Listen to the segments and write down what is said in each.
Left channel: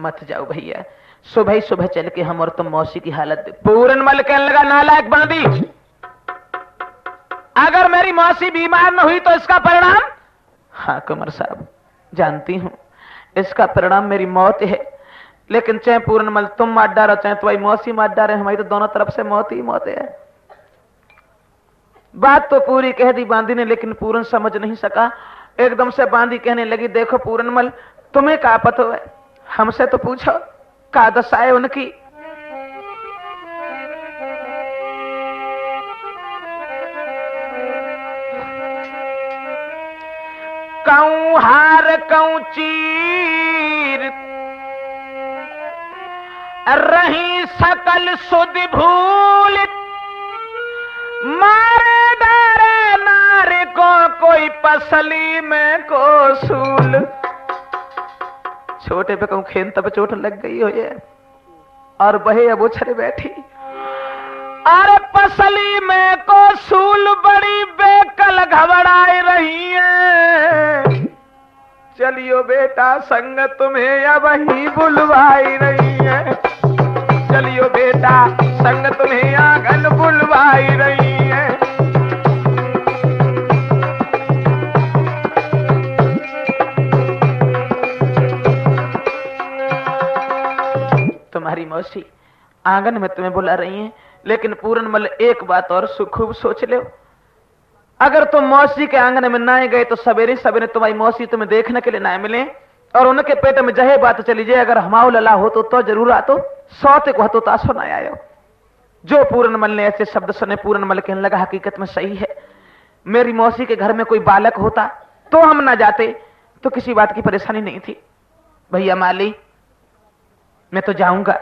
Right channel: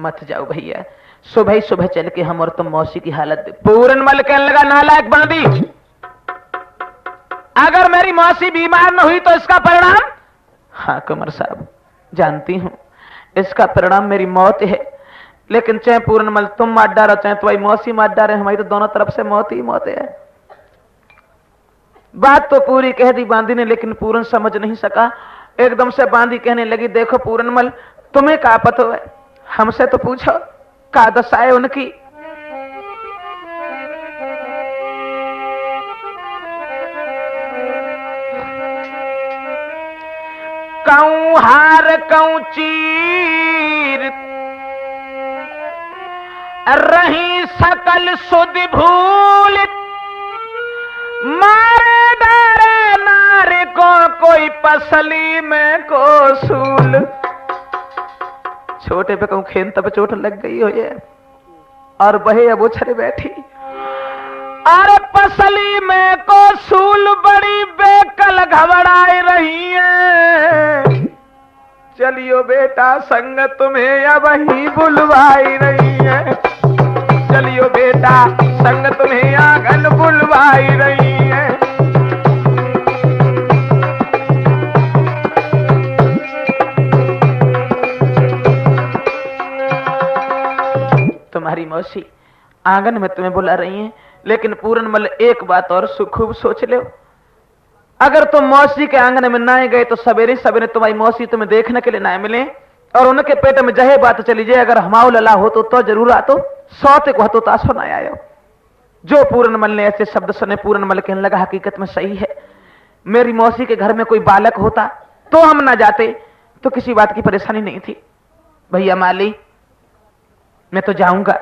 मत जाओ भैया, सुबह ही सुबह चल के हम और तुम मौसी की हालत दे। पूरनमल कहने लगा, नालायक बांदी, अगर मेरी मौसी बीमार न हुई तो इसका परिणाम? हाँ कुंवर साहब, जानती हूं इसका परिणाम मेरी मौत है, लेकिन चाहे पूरनमल तुम मार डालो चाहे तुम्हारी मौसी मार डाले, हमारी तो दोनों तरफ से मौत ही मौत है। बात तो पूरी कह दी बांदी ने, लेकिन पूरन समझ नहीं सका। एकदम से बांदी कहने लगी, देखो पूरनमल, तुम्हें क्या पता है, हमसे तो पूछो का दशा है उनकी। कऊं हार कऊं चीर, रही सकल सुध भूल, मारे डारे नारे को कोई पसली में को सूल। छोटे पे कहूं खेन तब चोट लग गई हो ये, और बहे अब उछल बैठी। अरे पसली में को सूल बड़ी बेकल घबराए रही है, चलियो बेटा संग तुम्हें अब ही बुलवाई रही है, चलियो बेटा संग तुम्हें आंगन बुलवाई रही है। तुम्हारी मौसी आंगन में तुम्हें बुला रही हैं, लेकिन पूरनमल एक बात और खूब सोच लो, अगर तुम मौसी के आंगन में ना गए तो सवेरे सवेरे तुम्हारी मौसी तुम्हें देखने के लिए ना मिले, और उनके पेट में जहे बात चली जाए, अगर हमाओ लला हो तो जरूर आतो, सौते को हतो तासो ना आयो। जो पूरनमल ने ऐसे शब्द सुने, पूरनमल कहने लगा, हकीकत में सही है, मेरी मौसी के घर में कोई बालक होता तो हम ना जाते तो किसी बात की परेशानी नहीं थी। भैया माली, मैं तो जाऊंगा,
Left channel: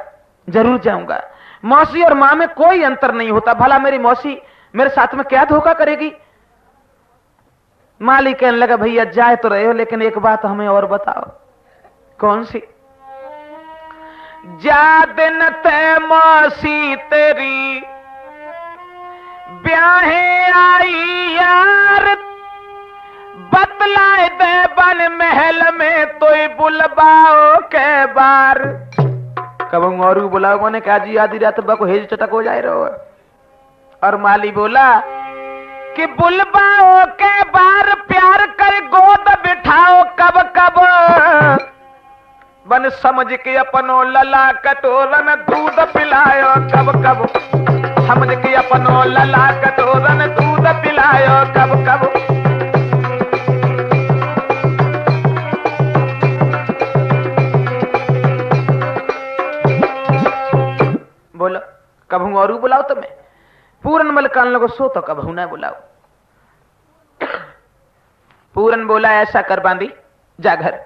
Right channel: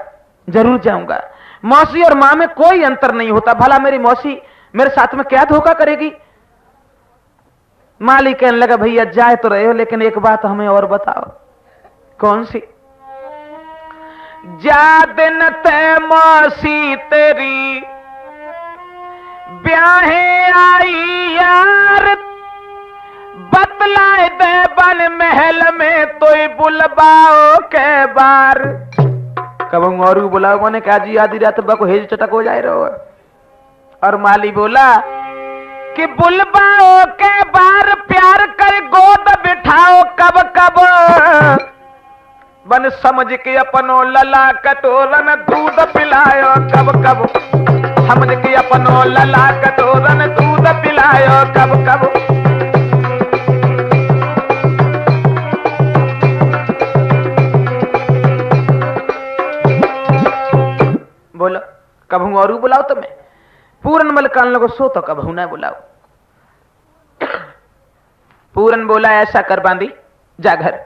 जरूर जाऊंगा, मौसी और मां में कोई अंतर नहीं होता, भला मेरी मौसी मेरे साथ में क्या धोखा करेगी। माली कहने लगा, भैया जाए तो रहे हो, लेकिन एक बात हमें और बताओ। कौन सी? जा दिन ते मौसी तेरी ब्याहे आई यार, बतलाए दे बन महल में तो बुलबाओ के बार। कब और बुलाओ, मैंने कहा जी आधी रात को हेज चटक हो जाए रहो। और माली बोला कि बुलबाओ के बार प्यार कर गोद बिठाओ कब कब, बन समझ के अपनो लला कटोरन दूध पिलायो कब कब, समझ के अपनो लला कटोरन दूध पिलायो कब कब। बोलो कब और बुलाओ तुम्हें? पूरनमल कान लगो, सो तो कब ना बुलाओ। पूरन बोला, ऐसा कर बांदी, जा घर,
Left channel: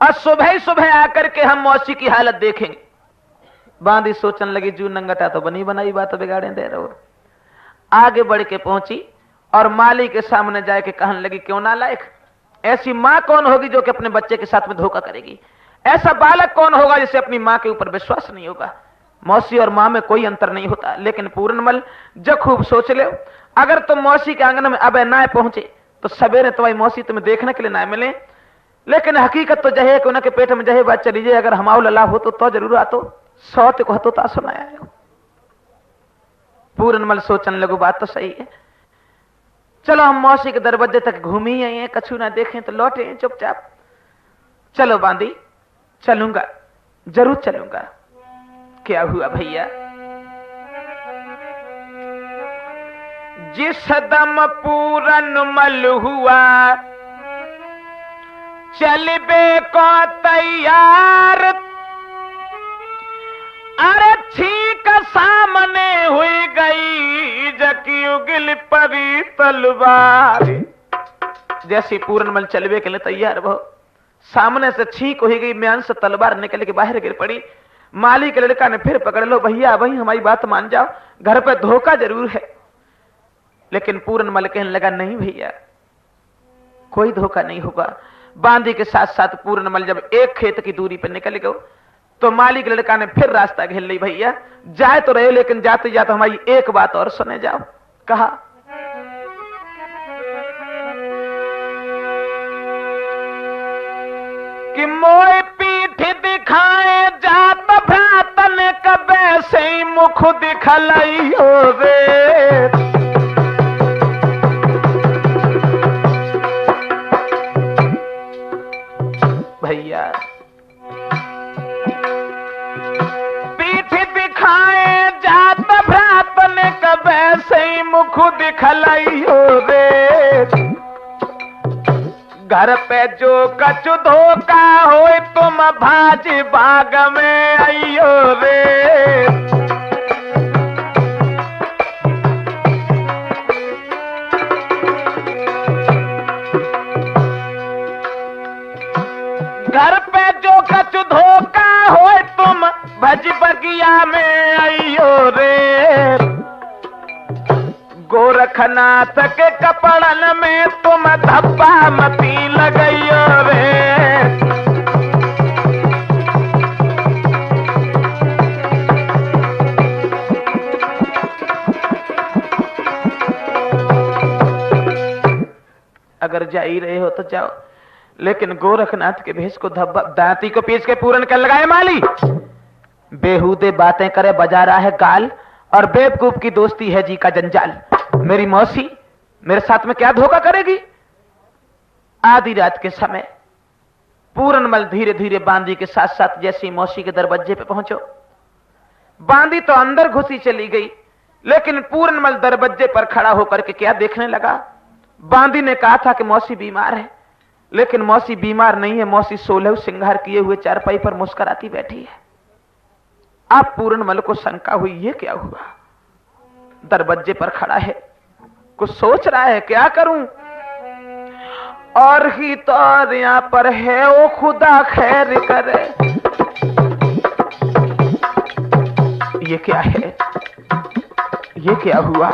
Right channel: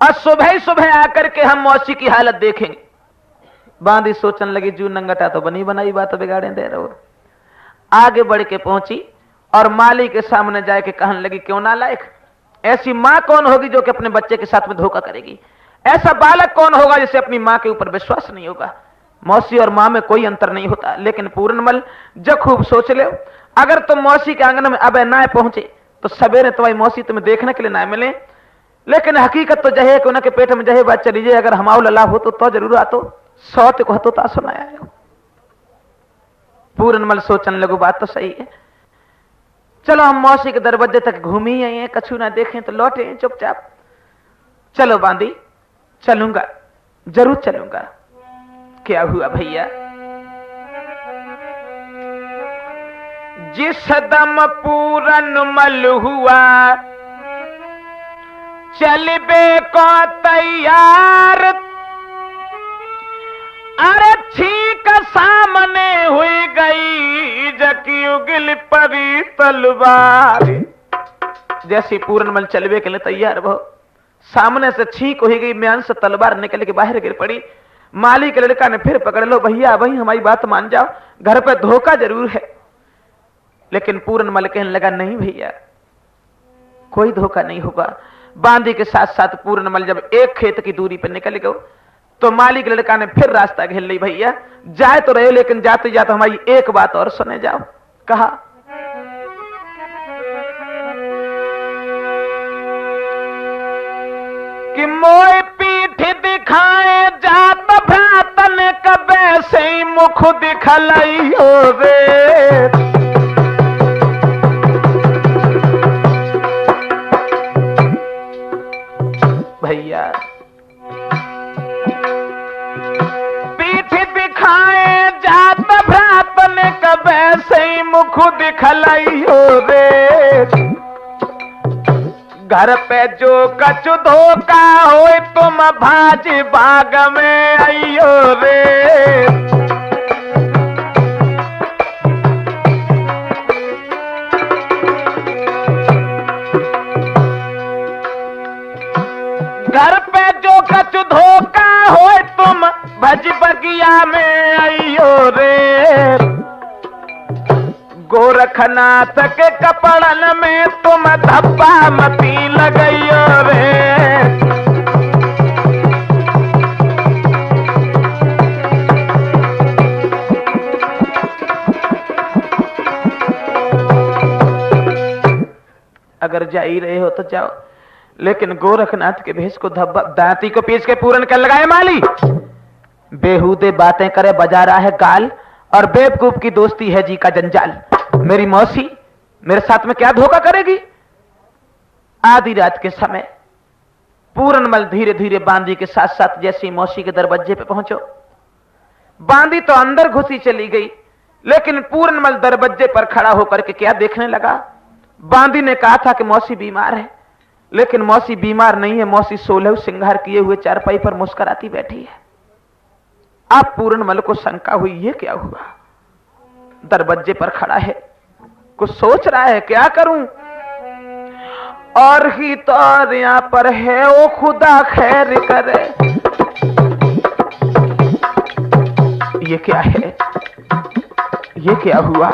और सुबह सुबह आकर के हम मौसी की हालत देखेंगे। बांदी सोचने लगी, जू नंगटा तो बनी बनाई बात बिगाड़े दे रहे हो। आगे बढ़ के पहुंची और माली के सामने जाके कहने लगी, क्यों ना लायक, ऐसी मां कौन होगी जो कि अपने बच्चे के साथ में धोखा करेगी? ऐसा बालक कौन होगा जिसे अपनी मां के ऊपर विश्वास नहीं होगा? मौसी और मां में कोई अंतर नहीं होता। लेकिन पूरनमल जो खूब सोच ले, अगर तुम मौसी के आंगन में अब ना पहुंचे तो सवेरे तुम्हारी मौसी तुम्हें देखने के लिए ना मिले, लेकिन हकीकत तो जहे कि उनके पेट में जहे बात चली जाए, अगर हमाओ लला हो तो जरूर आतो, सौत को हतो ता सुनाया। पूरनमल सोचने लगो, बात तो सही है, चलो हम मौसी के दरवाजे तक घूम ही आए हैं, कछु ना देखें तो लौटे चुपचाप। चलो बांदी, चलूंगा, जरूर चलूंगा। क्या हुआ भैया? जिस दम पूरनमल हुआ चलबे को तैयार, अरे ठीक सामने हुई गई जकी उगल परी तलवार। जैसे पूरनमल चलबे के लिए तैयार हो, सामने से ठीक हो गई, म्यान से तलवार निकल के बाहर गिर पड़ी। माली के लड़का ने फिर पकड़ लो, भैया भाई हमारी बात मान जाओ, घर पे धोखा जरूर है। लेकिन पूरनमल कहने लगा, नहीं भैया कोई धोखा नहीं होगा। बांदी के साथ साथ पूरनमल जब एक खेत की दूरी पर निकल गए तो माली के लड़का ने फिर रास्ता घेर ली, भैया जाए तो रहे, लेकिन जाते जाते हमारी एक बात और सुने जाओ। कहा, कि मोए पीठ दिखाए जात भ्रातन कबे से मुख दिखलाइयो रे। भैया पीठ दिखाए जात भ्रातन कबे से मुख दिखलाइयो रे। घर पे जो कछु धोखा हो तुम भाज बाग में आइयो रे। घर पे जो कछु धोखा हो तुम भज बगिया में आइयो रे। गोरखनाथ के कपड़न में तुम धब्बा मती लगइयो रे। अगर जा ही रहे हो तो जाओ, लेकिन गोरखनाथ के भेष को धब्बा दांती को पीस के पूरन कर लगाए माली। बेहूदे बातें करे बजा रहा है गाल, और बेवकूफ की दोस्ती है जी का जंजाल। मेरी मौसी मेरे साथ में क्या धोखा करेगी। आधी रात के समय पूरनमल धीरे धीरे बांदी के साथ साथ जैसे मौसी के दरवाजे पे पहुंचो, बांदी तो अंदर घुसी चली गई, लेकिन पूरनमल दरवाजे पर खड़ा होकर के क्या देखने लगा। बांदी ने कहा था कि मौसी बीमार है, लेकिन मौसी बीमार नहीं है, मौसी 16 श्रृंगार किए हुए चारपाई पर मुस्कुराती बैठी है। आप पूरनमल को शंका हुई, ये क्या हुआ। दरवाजे पर खड़ा है, कुछ सोच रहा है, क्या करूं। और ही तो यहाँ पर है वो खुदा खैर करे। ये क्या है, ये क्या हुआ।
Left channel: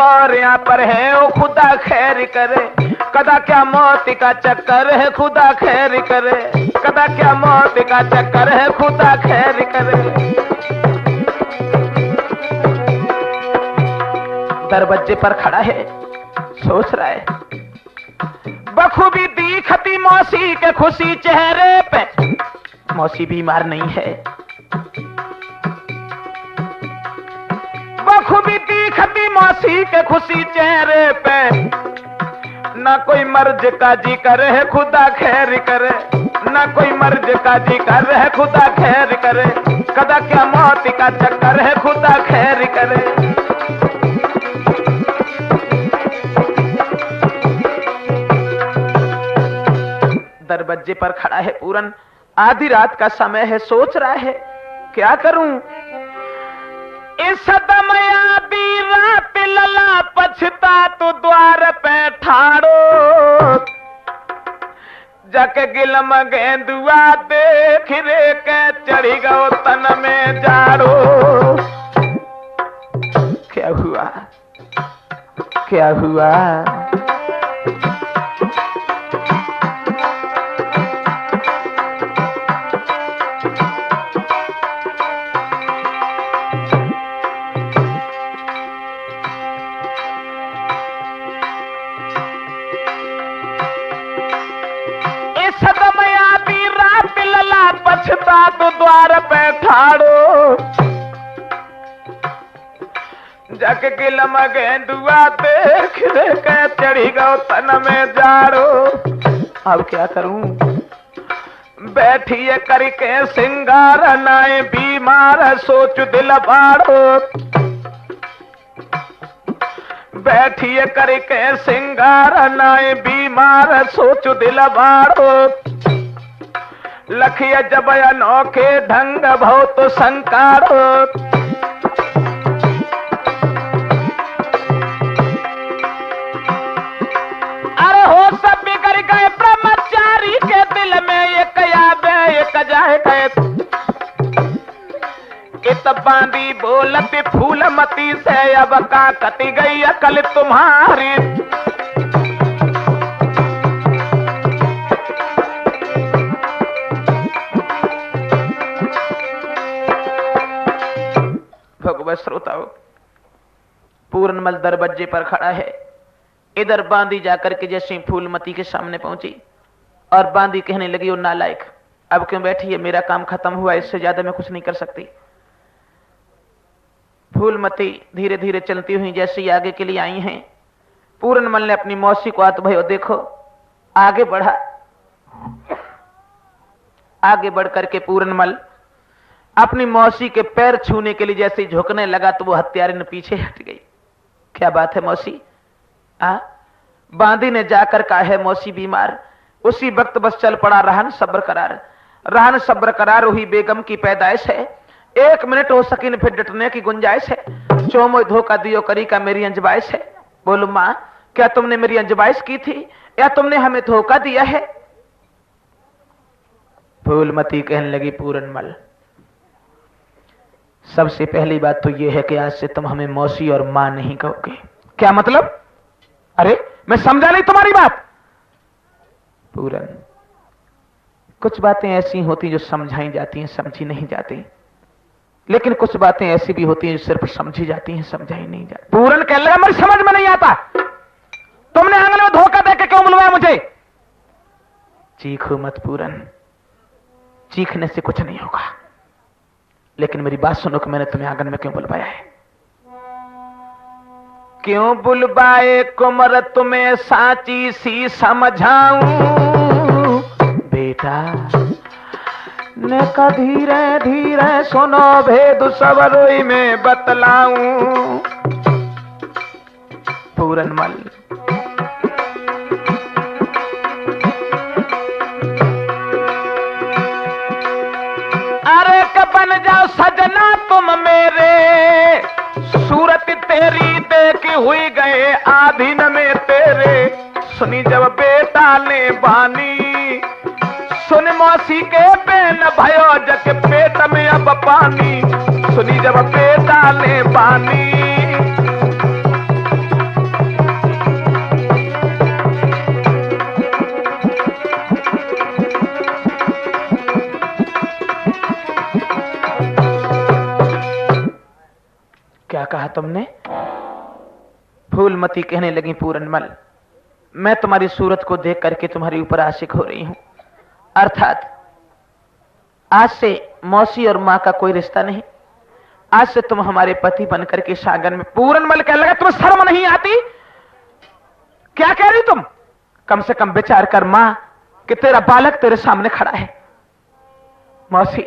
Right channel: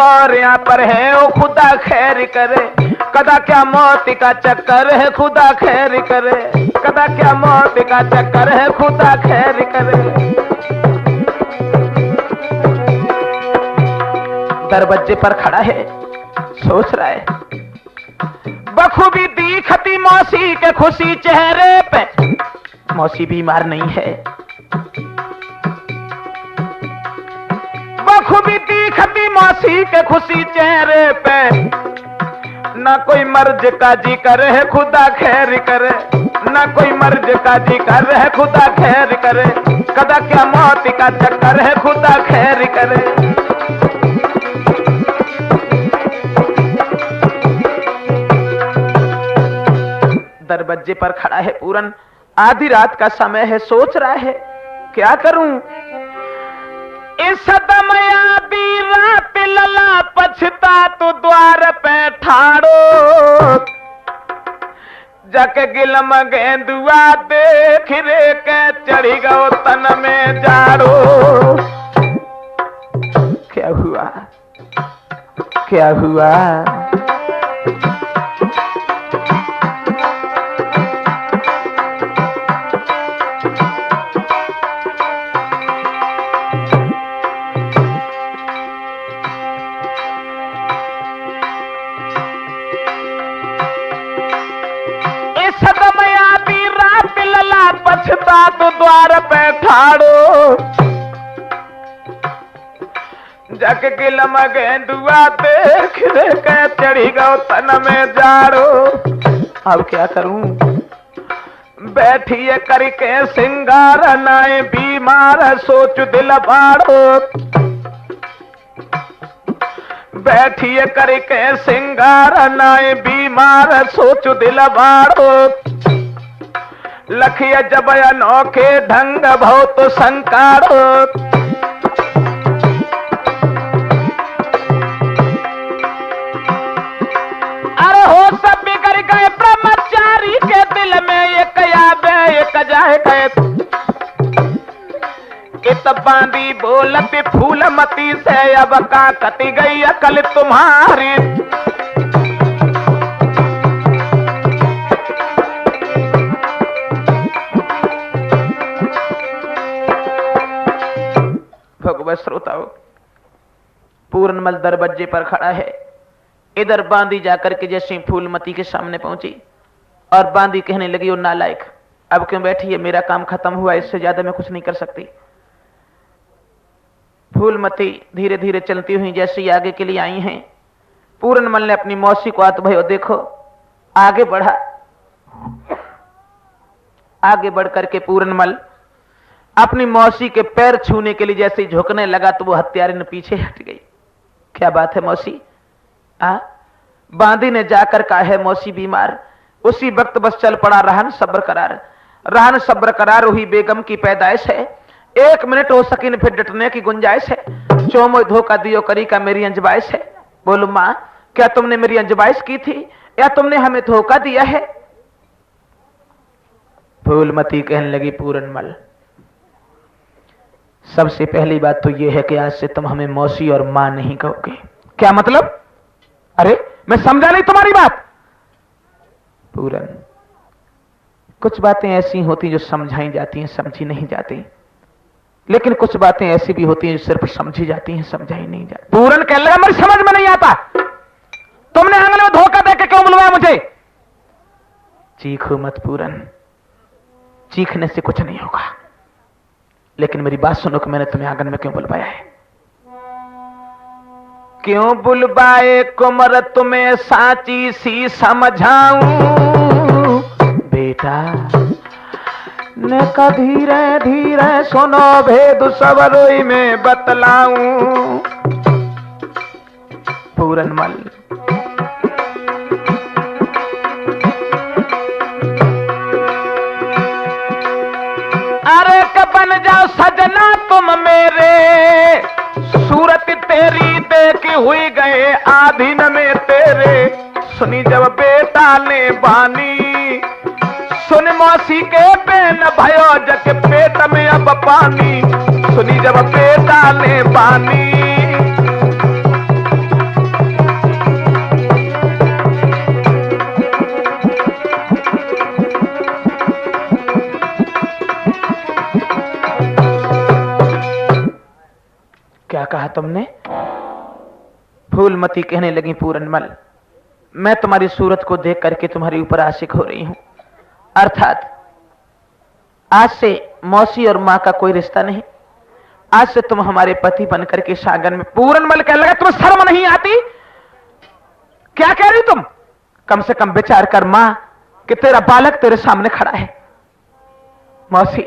और यहाँ पर है वो खुदा खैर करे। कदा क्या मौत का चक्कर है, खुदा खैर करे। कदा क्या मौत का चक्कर है, खुदा खैर करे। दरवाजे पर खड़ा है, सोच रहा है। बखूबी दिखती मौसी के खुशी चेहरे पे, मौसी बीमार नहीं है। बखूबी दिखती मौसी के खुशी चेहरे पे, ना कोई मर्ज का जिक्र है, खुदा खैर करे। ना कोई मर्ज का जिक्र है, खुदा खैर करे। कदा क्या मौत का चक्कर है, खुदा खैर करे। दरवाजे पर खड़ा है पूरन, आधी रात का समय है, सोच रहा है क्या करूं। इस सदम आधी रात लला पछता तो द्वार पे ठाड़ो। जक गिलम गेंदुआ देख रे के चढ़ी गो तन में जाड़ो। क्या हुआ, क्या हुआ। तो द्वार पे ठाड़ो। जग गिलम गेंदुआ देख के चढ़ी गो तन में जाड़ो। अब क्या करूं। बैठिए करके सिंगार नाए बीमार सोच दिल बाड़ो। बैठिए करके सिंगार नाए बीमार सोच दिल बाड़ो। लखिया जब अनोखे ढंग बहुत संकारो। अरे हो सब बिगड़ गए ब्रह्मचारी के दिल में, एक याद एक जाए गए। इत बांदी बोलती फूलमती से, अब का कटी गई अकल तुम्हारी। पूरनमल दरवाजे पर खड़ा है। इधर बांदी जाकर के जैसे फूलमती के सामने पहुंची और बांदी कहने लगी, वो नालायक, अब क्यों बैठी है, मेरा काम खत्म हुआ, इससे ज्यादा मैं कुछ नहीं कर सकती। फूलमती धीरे धीरे चलती हुई जैसे ही आगे के लिए आई हैं, पूरनमल ने अपनी मौसी को हाथ भयो देखो आगे बढ़ा। आगे बढ़ करके पूरनमल अपनी मौसी के पैर छूने के लिए जैसे ही झुकने लगा तो वो हत्यारिन पीछे हट गई। क्या बात है मौसी? बांदी ने जाकर कहा है मौसी बीमार। उसी वक्त बस चल पड़ा रहन सब्र करार। रहन सब्र करार हुई बेगम की पैदाइश है। 1 मिनट हो सकी फिर डटने की गुंजाइश है। चोमो धोखा दियो करी का मेरी अंजबाइश है। बोलो मां, क्या तुमने मेरी अंजबाइश की थी या तुमने हमें धोखा दिया है? फूलमती कहने लगी, पूरनमल, सबसे पहली बात तो यह है कि आज से तुम हमें मौसी और मां नहीं कहोगे। क्या मतलब? अरे मैं समझा नहीं तुम्हारी बात। पूरन, कुछ बातें ऐसी होती जो समझाई जाती हैं, समझी नहीं जाती, लेकिन कुछ बातें ऐसी भी होती हैं जो सिर्फ समझी जाती हैं, समझाई नहीं जाती। पूरन कहने लगा, मेरी समझ में नहीं आता, तुमने आंगन में धोखा देकर क्यों बुलवाया मुझे? चीखो मत पूरन, चीखने से कुछ नहीं होगा, लेकिन मेरी बात सुनो कि मैंने तुम्हें आंगन में क्यों बुलवाया है। क्यों बुलवाए कुंवर तुम्हें साची सी समझाऊं बेटा, ने का धीरे धीरे सुनो भेद सवरोई में बतलाऊं। पूरनमल, अरे बन जाओ सजना तुम मेरे, सूरत तेरी देख हुई गए आधीन में तेरे। सुनी जब बेटा ने बानी, सुन मौसी के पेन भयो जग पेट में अब पानी। सुनी जब बेटा ने बानी, क्या कहा तुमने? फूलमती कहने लगी, पूरनमल, मैं तुम्हारी सूरत को देख करके तुम्हारे ऊपर आशिक हो रही हूं। अर्थात आज से मौसी और मां का कोई रिश्ता नहीं, आज से तुम हमारे पति बनकर के सागन में। पूरनमल कहने लगा, तुम्हें शर्म नहीं आती? क्या कह रही तुम? कम से कम विचार कर मां कि तेरा बालक तेरे सामने खड़ा है। मौसी,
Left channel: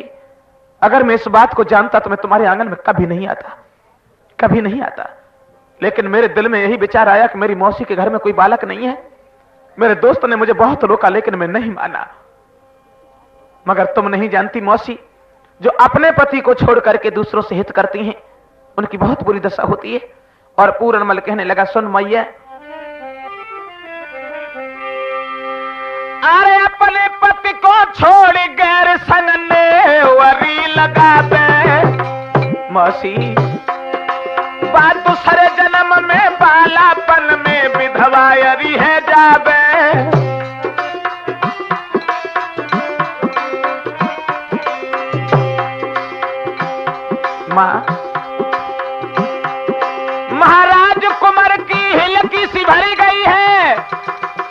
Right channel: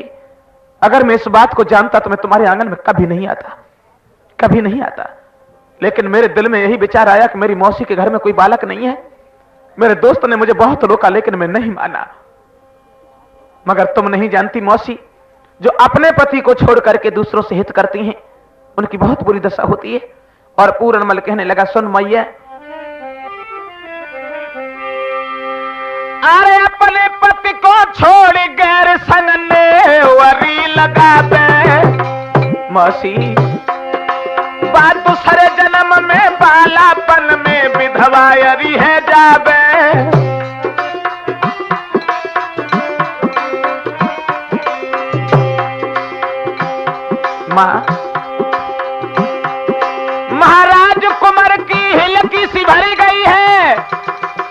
अगर मैं इस बात को जानता तो मैं तुम्हारे आंगन में कभी नहीं आता, कभी नहीं आता, लेकिन मेरे दिल में यही विचार आया कि मेरी मौसी के घर में कोई बालक नहीं है। मेरे दोस्त ने मुझे बहुत रोका लेकिन मैं नहीं माना। मगर तुम नहीं जानती मौसी, जो अपने पति को छोड़ करके दूसरों से हित करती हैं उनकी बहुत बुरी दशा होती है। और पूरनमल कहने लगा, सुन मैया, अरे अपने पति को छोड़ गैर संग ने वरी लगा दे। मौसी, बात दूसरे जन्म में बालापन में विधवायरी है जाबे। मां, महाराज कुंवर की हिलकी सी भरी गई है,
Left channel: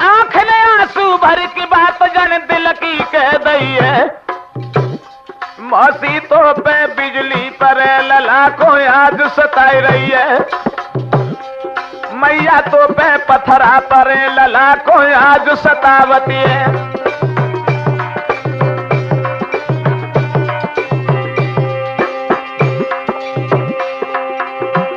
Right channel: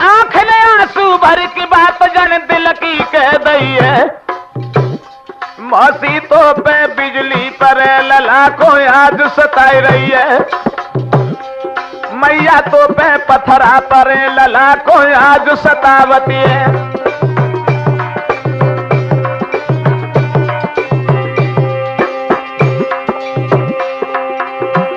आंख ने आंसू भर की बात जन दिल की कह दी है। मौसी तो पे बिजली पर लला को आज सताई रही है, मैया तो पे पत्थरा पर लला को आज सतावती है।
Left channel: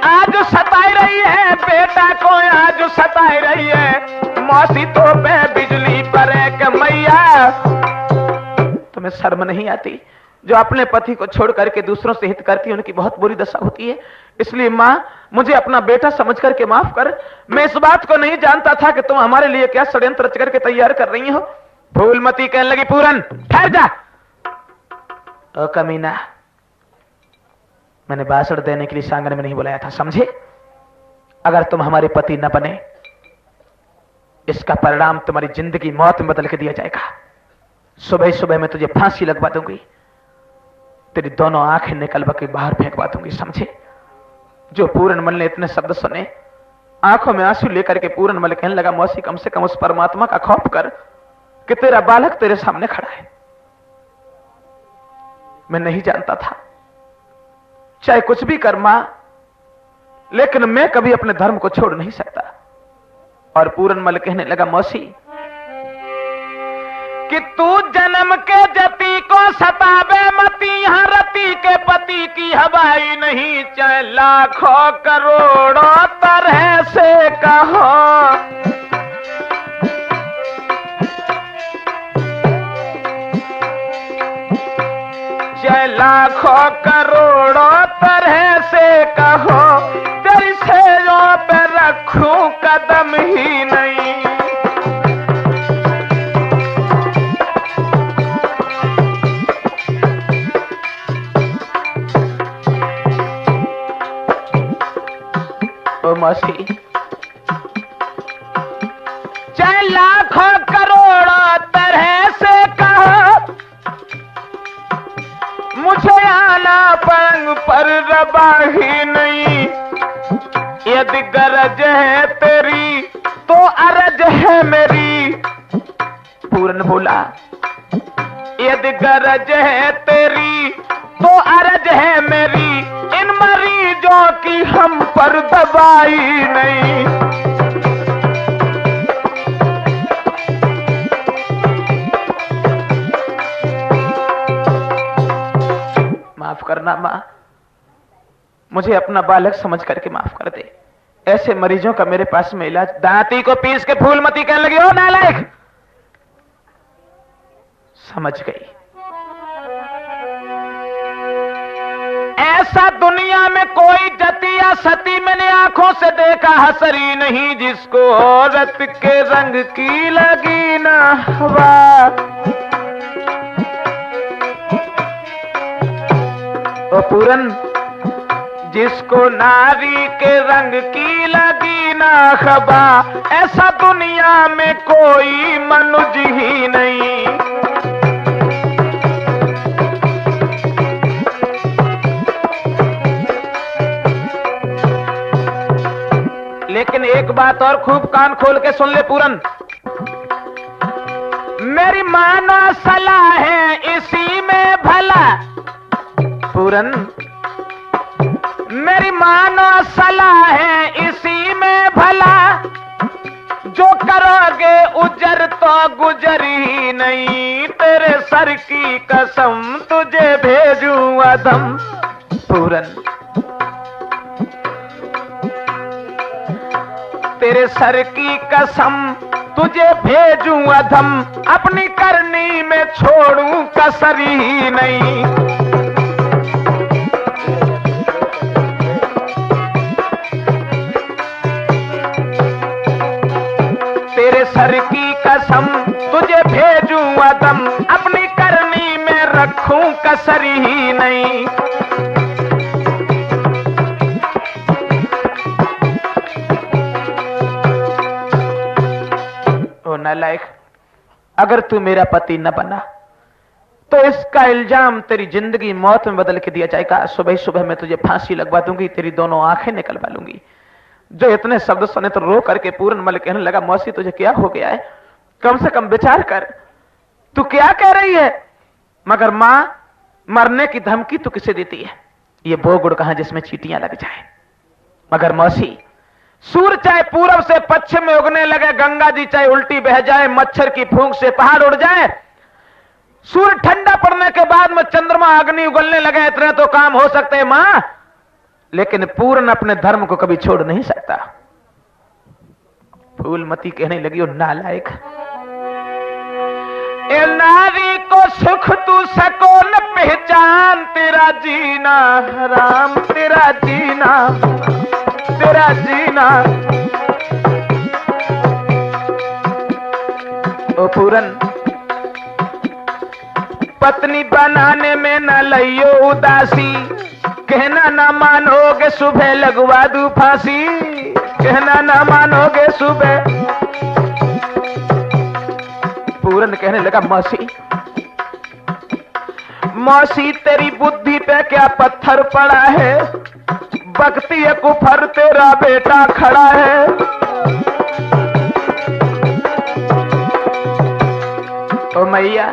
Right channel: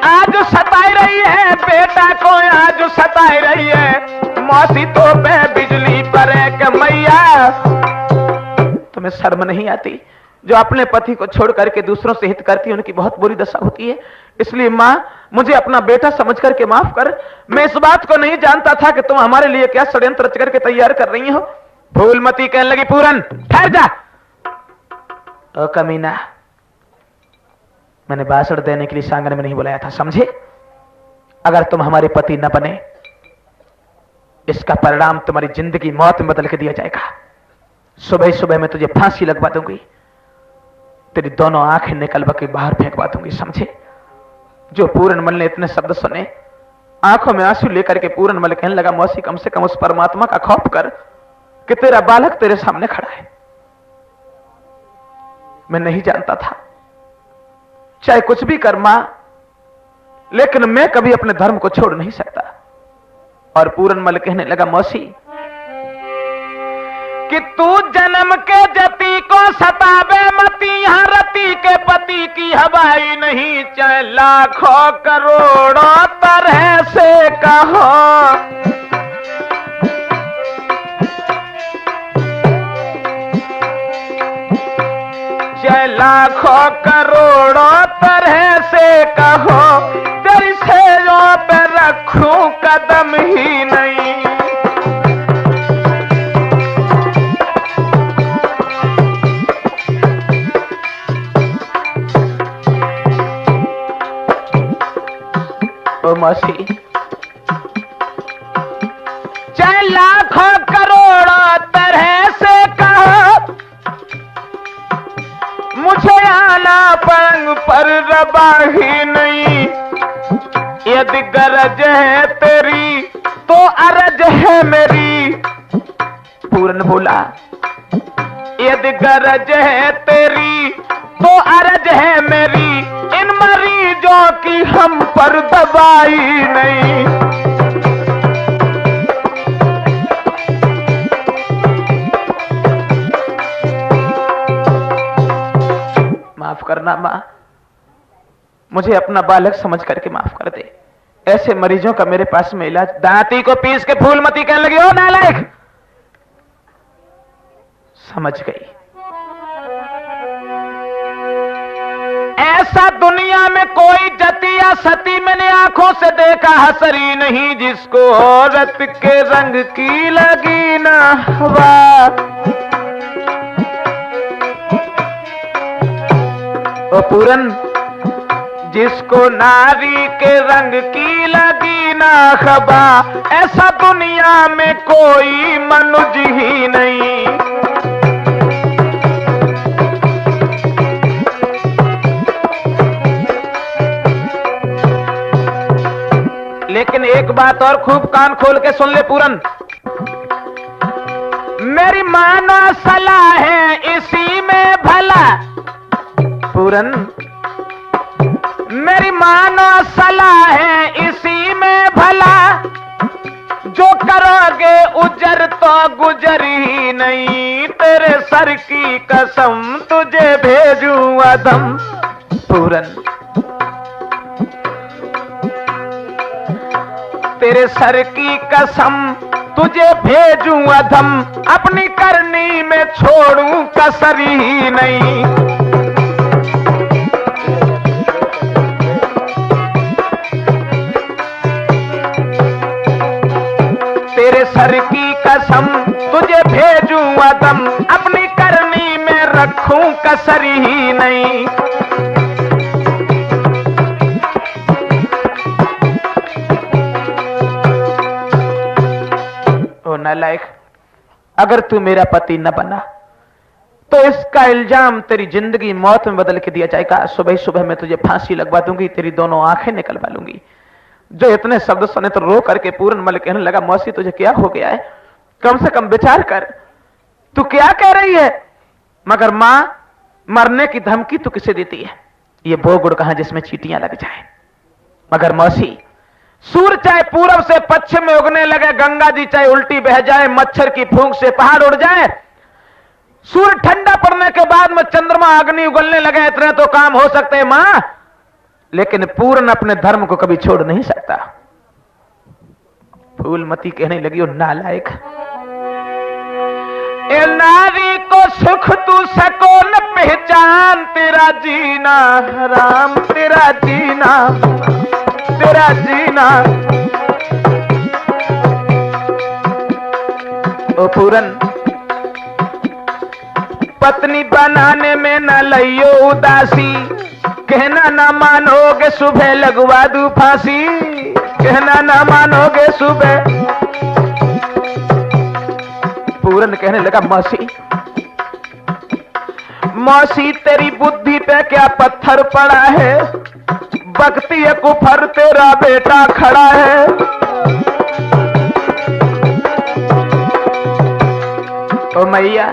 आज सताई रही है, बेटा को आज सताई रही है। मौसी तो पे बिजली पर के मैया, तुम्हें शर्म नहीं आती? जो अपने पति को छोड़ करके दूसरों से हित करती है उनकी बहुत बुरी दशा होती है। इसलिए मां, मुझे अपना बेटा समझ करके माफ कर। मैं इस बात को नहीं जानता था कि तुम हमारे लिए क्या षड्यंत्र रच करके तैयार कर रही हो। फूलमती कहने लगी, पूरन ठहर जा। ओ कमीना, मैंने भाषण देने के लिए सांगन में नहीं बुलाया था, समझे? अगर तुम हमारे पति न बने, इसका परिणाम तुम्हारी जिंदगी मौत में बदल के दिया जाएगा। सुबह सुबह मैं तुझे फांसी लगवा दूंगी, तेरी दोनों आंखें निकलवा के बाहर फेंकवा दूंगी, समझे? जो पूरनमल ने इतने शब्द सुने, आंखों में आंसू लेकर के पूरनमल कहने लगा, मौसी कम से कम उस परमात्मा का खौफ कर कि तेरा बालक तेरे सामने खड़ा है। मैं नहीं जानता था, चाहे कुछ भी कर मां, लेकिन मैं कभी अपने धर्म को छोड़ नहीं सकता। और पूरनमल कहने लगा, मौसी कि तू जन्म के जति को सतावे मती, यहां रति के पति की हवाई नहीं, चाहे लाखों करोड़ों तरह से कहो। चाहे लाखों करोड़ों तरह से कहो, तेरी सेजों पर रखूं कदम ही नहीं। ओ मौसी, चाहे लाखों करोड़ों तरह से कहो, मुझे आना पलंग पर रबा ही नहीं। यदि गरज है तेरी तो अरज है मेरी। पूरन बोला, यदि गरज है तेरी तो अरज है मेरी, इन मरीजों की हम पर दवाई नहीं। माफ करना मां, मुझे अपना बालक समझ करके माफ कर दे। ऐसे मरीजों का मेरे पास में इलाज। दांती को पीस के फूलमती कहने लगी, ओ नालायक। समझ गई, ऐसा दुनिया में कोई जति या सती मैंने आंखों से देखा हसरी नहीं, जिसको औरत के रंग की लगी ना हवा। ओ पूरन, जिसको नारी के रंग की लगी ना खबा, ऐसा दुनिया में कोई मनुष्य ही नहीं। लेकिन एक बात और खूब कान खोल के सुन ले पूरन, मेरी मानो सलाह है इसी में भला। पूरन, मेरी मानो सलाह है इसी में भला, जो करोगे उजर तो गुजर ही नहीं। तेरे सर की कसम तुझे भेजूं अधम। पूरन, तेरे सर की कसम तुझे भेजूं अधम, अपनी करनी में छोड़ूं कसर ही नहीं। तेरे सर की कसम तुझे भेजूं अदम, अपनी करनी में रखूं कसर ही नहीं। ओ नालायक, अगर तू मेरा पति न बना तो इसका इल्जाम तेरी जिंदगी मौत में बदल के दिया जाएगा। सुबह सुबह मैं तुझे फांसी लगवा दूंगी, तेरी दोनों आंखें निकलवा लूंगी। जो इतने शब्द सुने तो रो करके पूरनमल कहने लगा, मौसी तुझे क्या हो गया है? कम से कम विचार कर, तू क्या कह रही है? मगर मां, मरने की धमकी तू किसे देती है? ये वो गुड़ कहां जिसमें चींटियां लग जाए। मगर मौसी, सूर्य चाहे पूरब से पश्चिम में उगने लगे, गंगा जी चाहे उल्टी बह जाए, मच्छर की फूंक से पहाड़ उड़ जाए, सूर्य ठंडा पड़ने के बाद में चंद्रमा अग्नि उगलने लगे, इतने तो काम हो सकते हैं मां, लेकिन पूर्ण अपने धर्म को कभी छोड़ नहीं सकता। फूलमती कहने लगी, ओ नालायक, ए नारी को सुख तू सको न पहचान, तेरा जीना हराम, तेरा जीना, तेरा जीना। ओ पूरन, पत्नी बनाने में न लइयो उदासी, कहना ना मानोगे सुबह लगवा दूं फांसी, कहना ना मानोगे सुबह। पूरन कहने लगा, मौसी, मौसी तेरी बुद्धि पे क्या पत्थर पड़ा है? बकती है कुफर तेरा बेटा खड़ा है। ओ मैया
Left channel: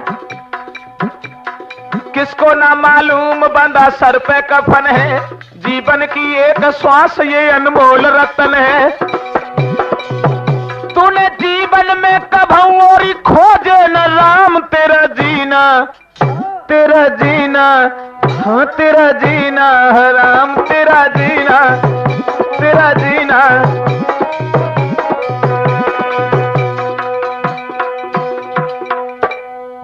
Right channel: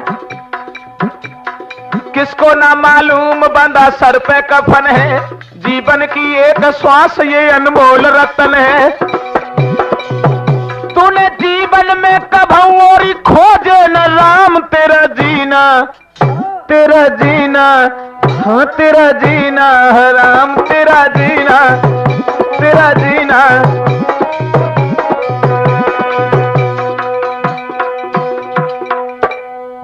किसको ना मालूम बंधा सर पे कफन है, जीवन की एक श्वास ये अनमोल रतन है। तूने जीवन में कभू और खोजे न राम तेरा जीना, तेरा जीना, हाँ तेरा जीना है राम, तेरा जीना, तेरा जीना।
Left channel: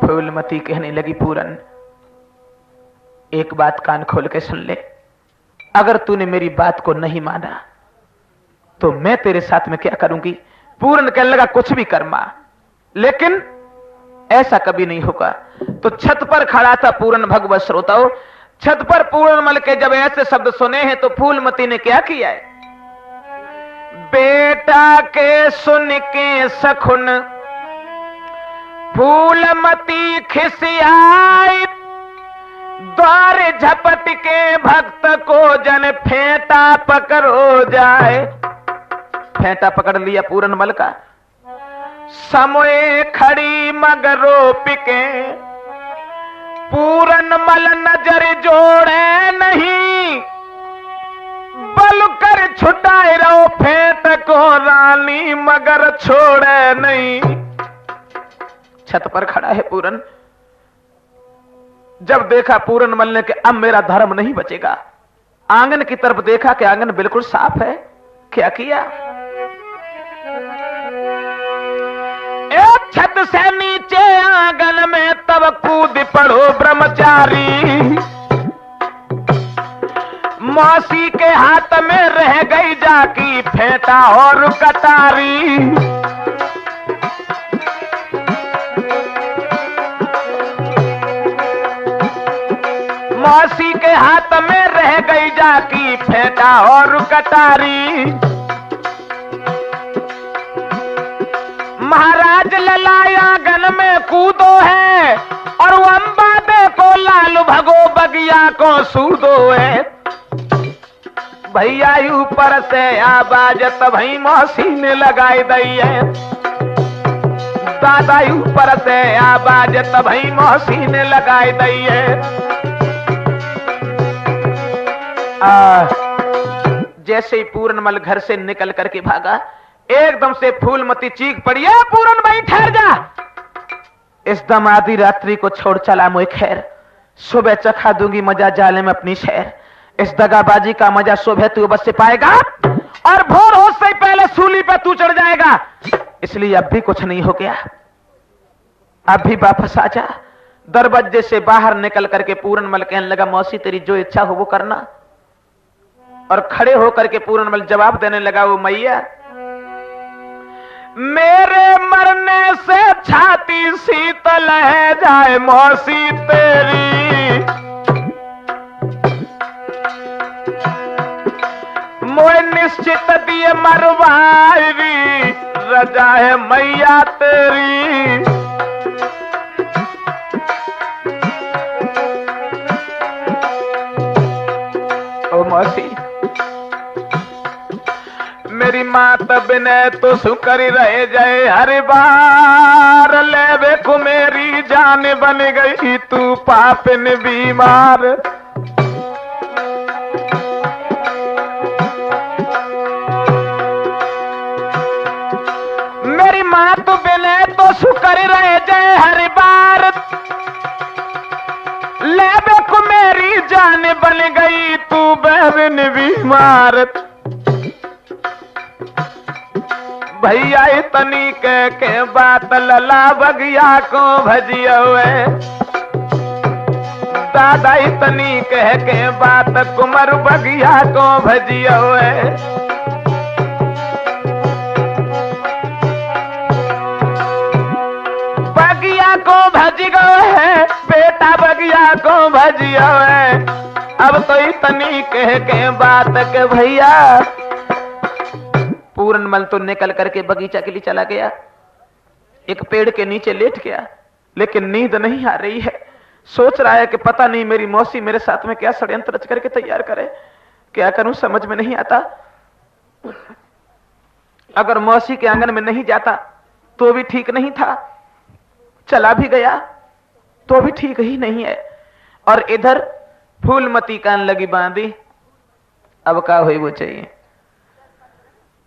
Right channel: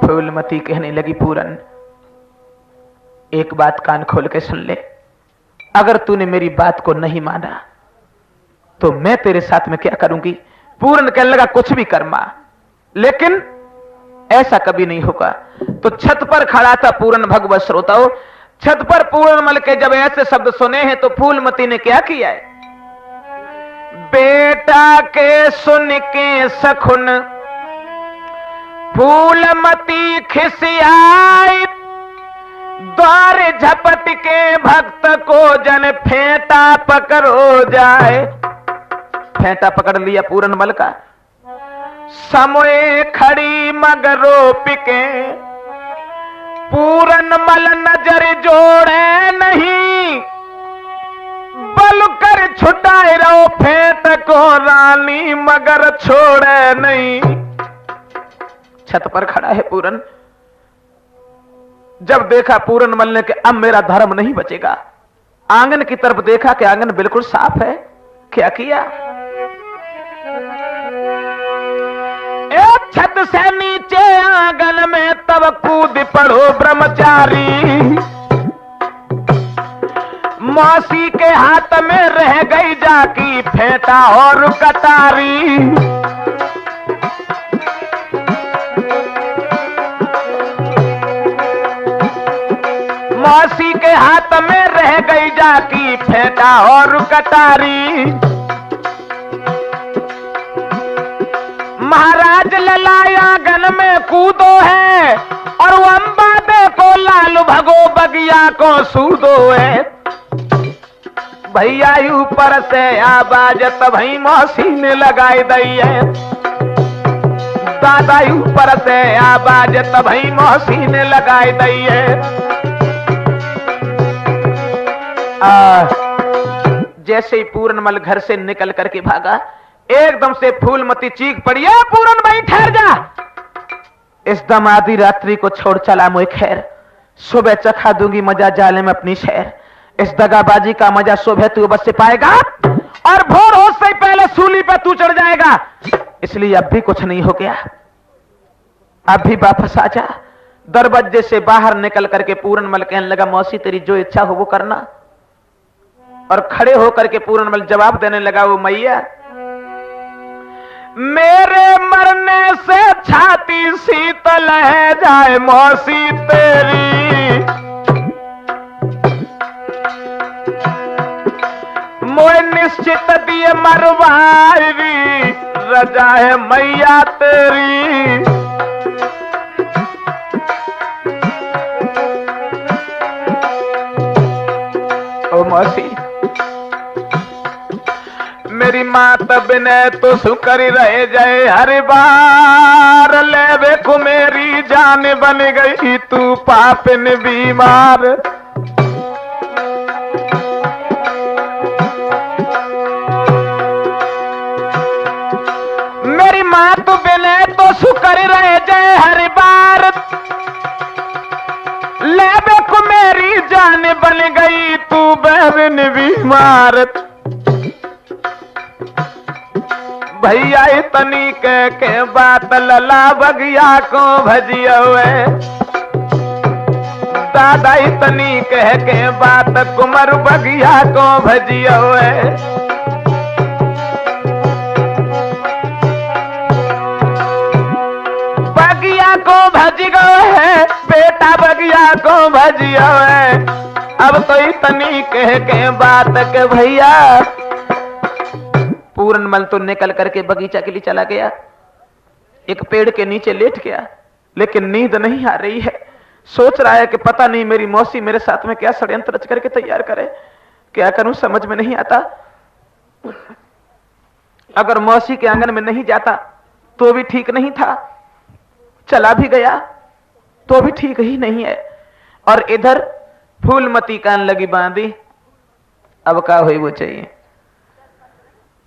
फूलमती कहने लगी पूरन एक बात कान खोल के सुन ले, अगर तूने मेरी बात को नहीं माना तो मैं तेरे साथ में क्या करूंगी। पूरन कहने लगा कुछ भी कर मां, लेकिन ऐसा कभी नहीं होगा। तो छत पर खड़ा था पूरन, भगवत श्रोताओं, छत पर पूरन मल के जब ऐसे शब्द सुने हैं तो फूलमती ने क्या किया है। बेटा के सुन के सखुन फूलमती खिसियाई, द्वार झपट के भक्त को जन फेंटा पकड़ो जाए। फेंटा पकड़ लिया पूरन मल का, समोए खड़ी मगरो पिके, पूरन मल नजर जोड़े नहीं, बल कर छुटाए रहो फेंट को रानी मगर छोड़े नहीं। छत पर खड़ा है पूरन, जब देखा पूरन मल ने कि अब मेरा धर्म नहीं बचेगा, आंगन की तरफ देखा कि आंगन बिल्कुल साफ है। क्या किया, एक छत से नीचे आंगन में तब कूद पड़ो ब्रह्मचारी, मौसी के हाथ में रह गई जाकी फेंटा और कतारी। मौसी के हाथ में रह गई जाकी फेंटा और कटारी। महाराज ललाया गन में कूदो है, और वो अम्बा देखो लाल भगो बगिया को सूदो है। भैया ऊपर से आवाज तभी मौसी ने लगाई दई है, दादा ऊपर से आवाज तभी मौसी ने लगाई दई है। जैसे ही पूरनमल घर से निकल करके भागा, एकदम से फूलमती चीख पड़ी, है पूरन भाई ठहर जा, इस दम आधी रात्रि को छोड़ चला मुझे खैर, सुबह चखा दूंगी मजा जाले में अपनी शहर। इस दगाबाजी का मजा सुबह तू बस से पाएगा, और भोर हो से पहले सूली पे तू चढ़ जाएगा। इसलिए अब भी कुछ नहीं हो गया, अब भी वापस आ जा। दरवाजे से बाहर निकल करके पूरनमल कहने लगा, मौसी तेरी जो इच्छा हो वो करना। और खड़े होकर के पूरनमल जवाब देने लगा, वो मैया मेरे मरने से छाती शीतल है जाए मौसी तेरी, मोए निश्चित दिए मरवाई रजा है मैया तेरी। ओ मौसी मेरी मात बिने तो सुकर रह जाए, हर बार ले को मेरी जान बन गई तू पापिन बीमार। मेरी मात बिने तो सुकर रह जाए, हर बार ले को मेरी जान बन गई तू बहन बीमार। भैया इतनी के बात लला बगिया को भजियो है, दादा इतनी के बात कुमर बगिया को भजियो है। बगिया को भज गो है बेटा, बगिया को भजियो है। अब तो इतनी के बात के भैया पूरनमल तो निकल करके बगीचा के लिए चला गया, एक पेड़ के नीचे लेट गया, लेकिन नींद नहीं आ रही है। सोच रहा है कि पता नहीं मेरी मौसी मेरे साथ में क्या षड्यंत्र रच करके तैयार करे क्या करूं समझ में नहीं आता। अगर मौसी के आंगन में नहीं जाता तो भी ठीक नहीं था, चला भी गया तो भी ठीक ही नहीं है। और इधर फूलमती कान लगी बांधी, अब का हुई वो चाहिए।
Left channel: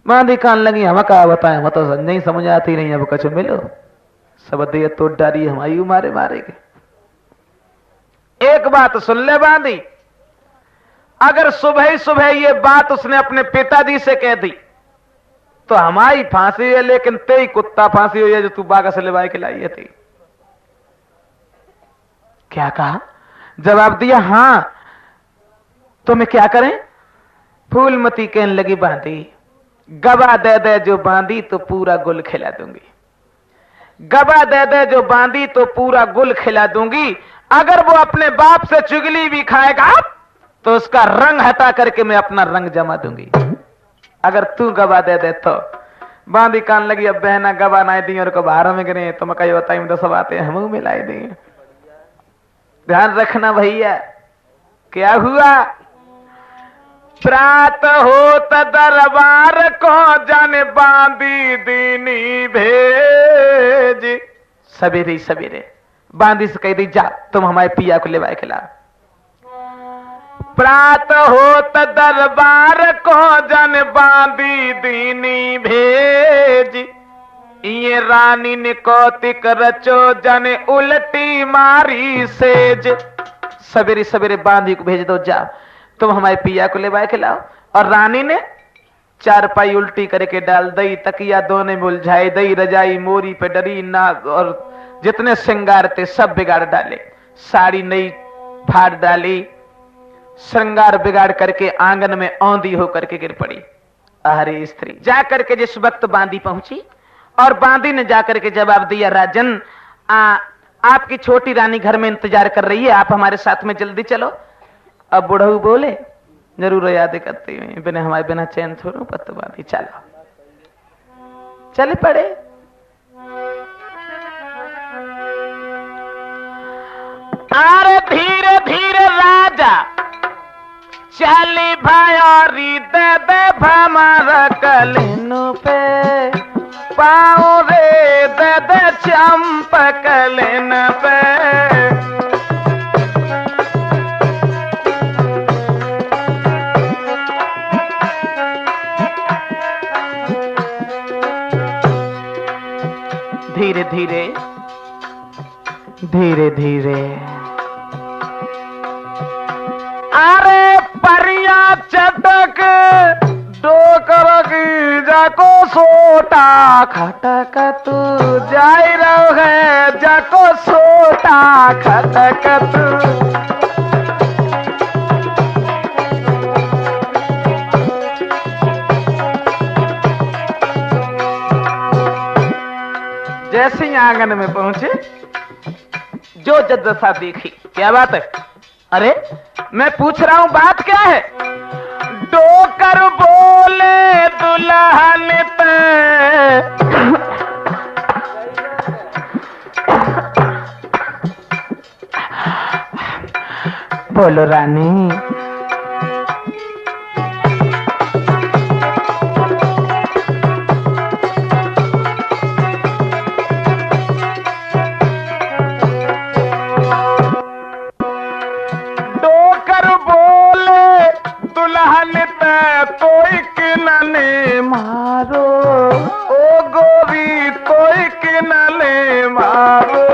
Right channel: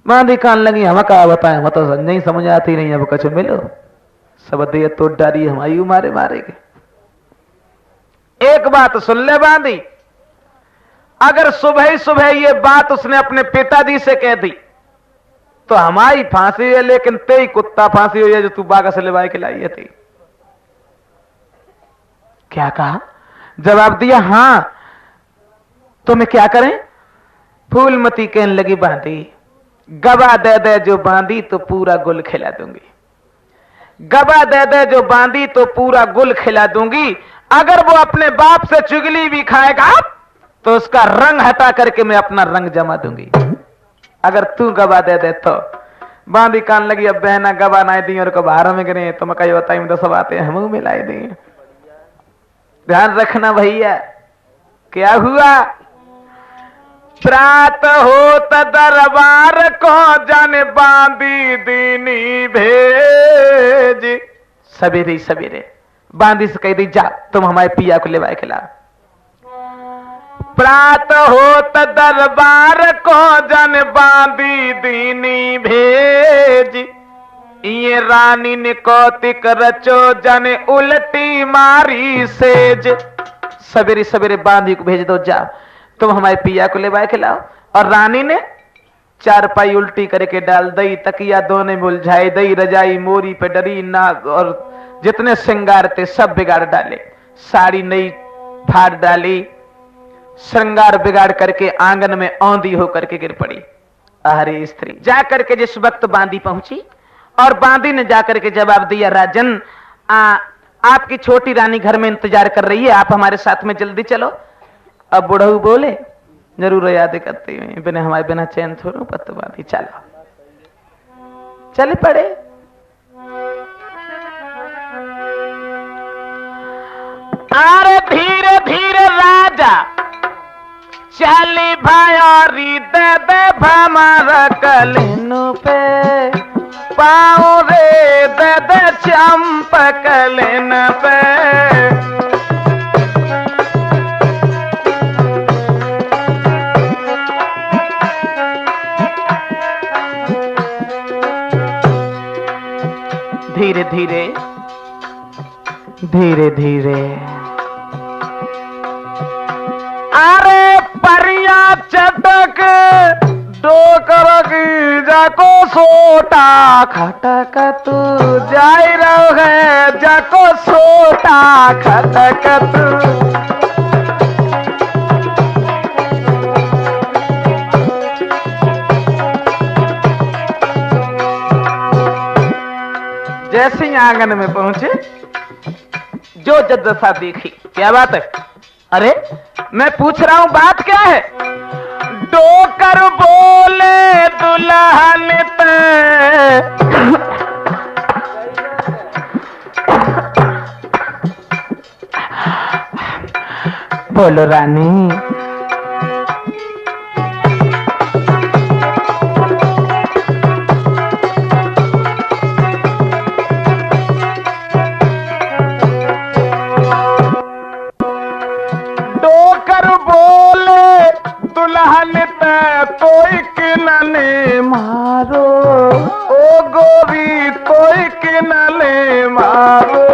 बांधी कान लगी, हम का बताए, हम तो नहीं समझ आती नहीं, अब कछु मिलो सब दे तो डारी हमारी मारे मारेगे। एक बात सुन ले बांधी, अगर सुबह ही सुबह ये बात उसने अपने पिताजी से कह दी तो हमारी फांसी है, लेकिन तेरी कुत्ता फांसी हुई है जो तू बागा से लेवाए के लाई थी। क्या कहा? जवाब दिया हां। तो मैं क्या करें? फूलमती कहने लगी बांधी, गवा दे दे जो बांधी तो पूरा गुल खिला दूंगी, गवा दे दे जो बांधी तो पूरा गुल खिला दूंगी। अगर वो अपने बाप से चुगली भी खाएगा तो उसका रंग हटा करके मैं अपना रंग जमा दूंगी, अगर तू गवा दे दे तो। बांधी कान लगी, अब बहना गवा ना दी और कब हारा में गिरे तो मैं कही बताई तो सब आते हम मिलाई देंगे। ध्यान रखना भैया, क्या हुआ? प्रात होत दरबार को जन बांधी दीनी भेज। सवेरे सवेरे बांधी से कह दी, जा तुम हमारे पिया को लेवाए के ला। प्रात होत दरबार को जन बांधी दीनी भेज, ये रानी ने कौतिक रचो जन उल्टी मारी सेज। सवेरे सवेरे बांधी को भेज दो, जाओ तुम हमारे पिया को लेवाए के लाओ। और रानी ने चारपाई उल्टी करके डाल दई, तकिया दोने मुलझाई दई, रजाई मोरी पे डरी, नाग और जितने श्रृंगार थे सब बिगाड़ डाले, साड़ी नई फाड़ डाली, श्रृंगार बिगाड़ करके आंगन में औंधी होकर के गिर पड़ी। अरे स्त्री जाकर के जिस वक्त बांधी पहुंची और बांधी ने जाकर के जवाब दिया, राजन आपकी छोटी रानी घर में इंतजार कर रही है, आप हमारे साथ में जल्दी चलो। अब बुढ़ऊ बोले, जरूर याद करते हुए बिना हमारे बिना चैन थोड़ा पत्तो बांधी, चलो चल पड़े। अरे धीरे धीरे राजा चली भयारी दे दे भमारा कलिनु पे, पाओ रे दे दे चंपक कलिन पे। धीरे धीरे धीरे धीरे अरे परिया चटक डोकर की जाको सोटा खटक तू जाई रहो है, जाको सोटा खटक तू। जैसे ही आंगन में पहुंचे जो जद्दसा देखी, क्या बात है? अरे मैं पूछ रहा हूं बात क्या है? डोकर बोले दुल्हन पे, बोलो रानी। दुल्हन ते कोई किनले मारो, ओ गोरी कोई किनले मारो।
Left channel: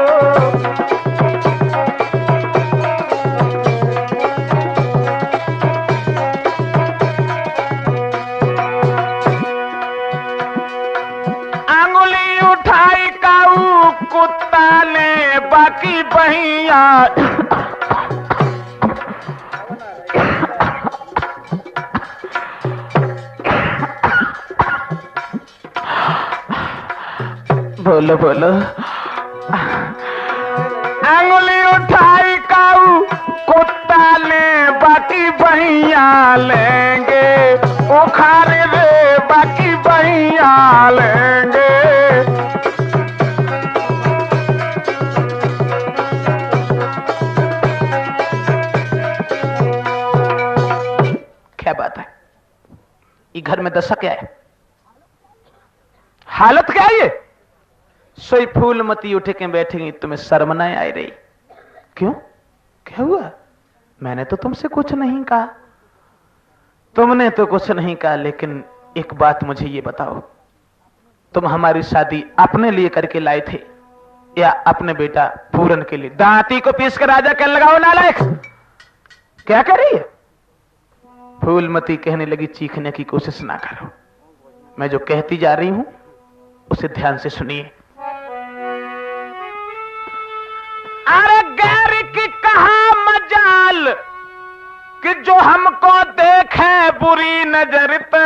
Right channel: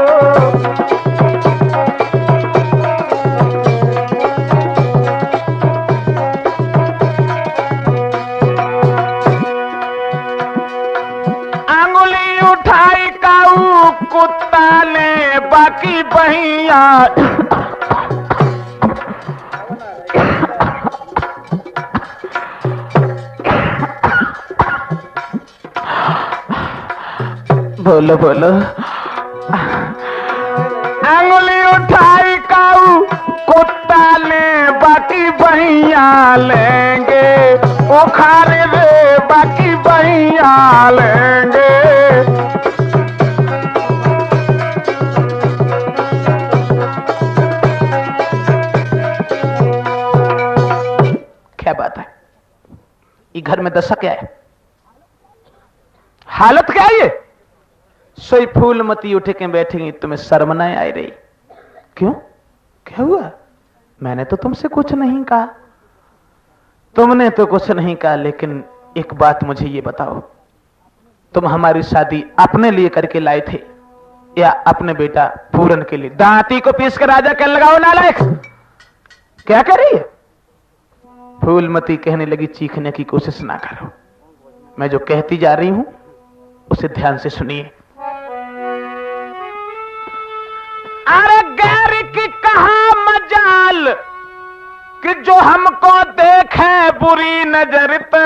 अंगुली उठाई काऊ कुत्ता ने बाकी बहिया, बोलो बोलो। अंगुली उठाई काऊ कुत्ता ने बाकी बहिया लेंगे, उखाड़ रे बाकी बहिया लेंगे। क्या बात घर में दशा क्या है, हालत क्या है ये? सोई फूलमती उठ के बैठेंगी, तुम्हें शर्म नहीं आई रही? क्यों, क्या हुआ? मैंने तो तुमसे कुछ नहीं कहा। तुमने तो कुछ नहीं कहा, लेकिन एक बात मुझे ये बताओ, तुम हमारी शादी अपने लिए करके लाए थे या अपने बेटा पूरन के लिए? दांती को पीस कर राजा कहने लगाओ नालायक, क्या कर रही है? फूलमती कहने लगी, चीखने की कोशिश ना करो, मैं जो कहती जा रही हूं उसे ध्यान से सुनिए। अरे गैर की कहा मजाल कि जो हमको देखे बुरी नजर पे,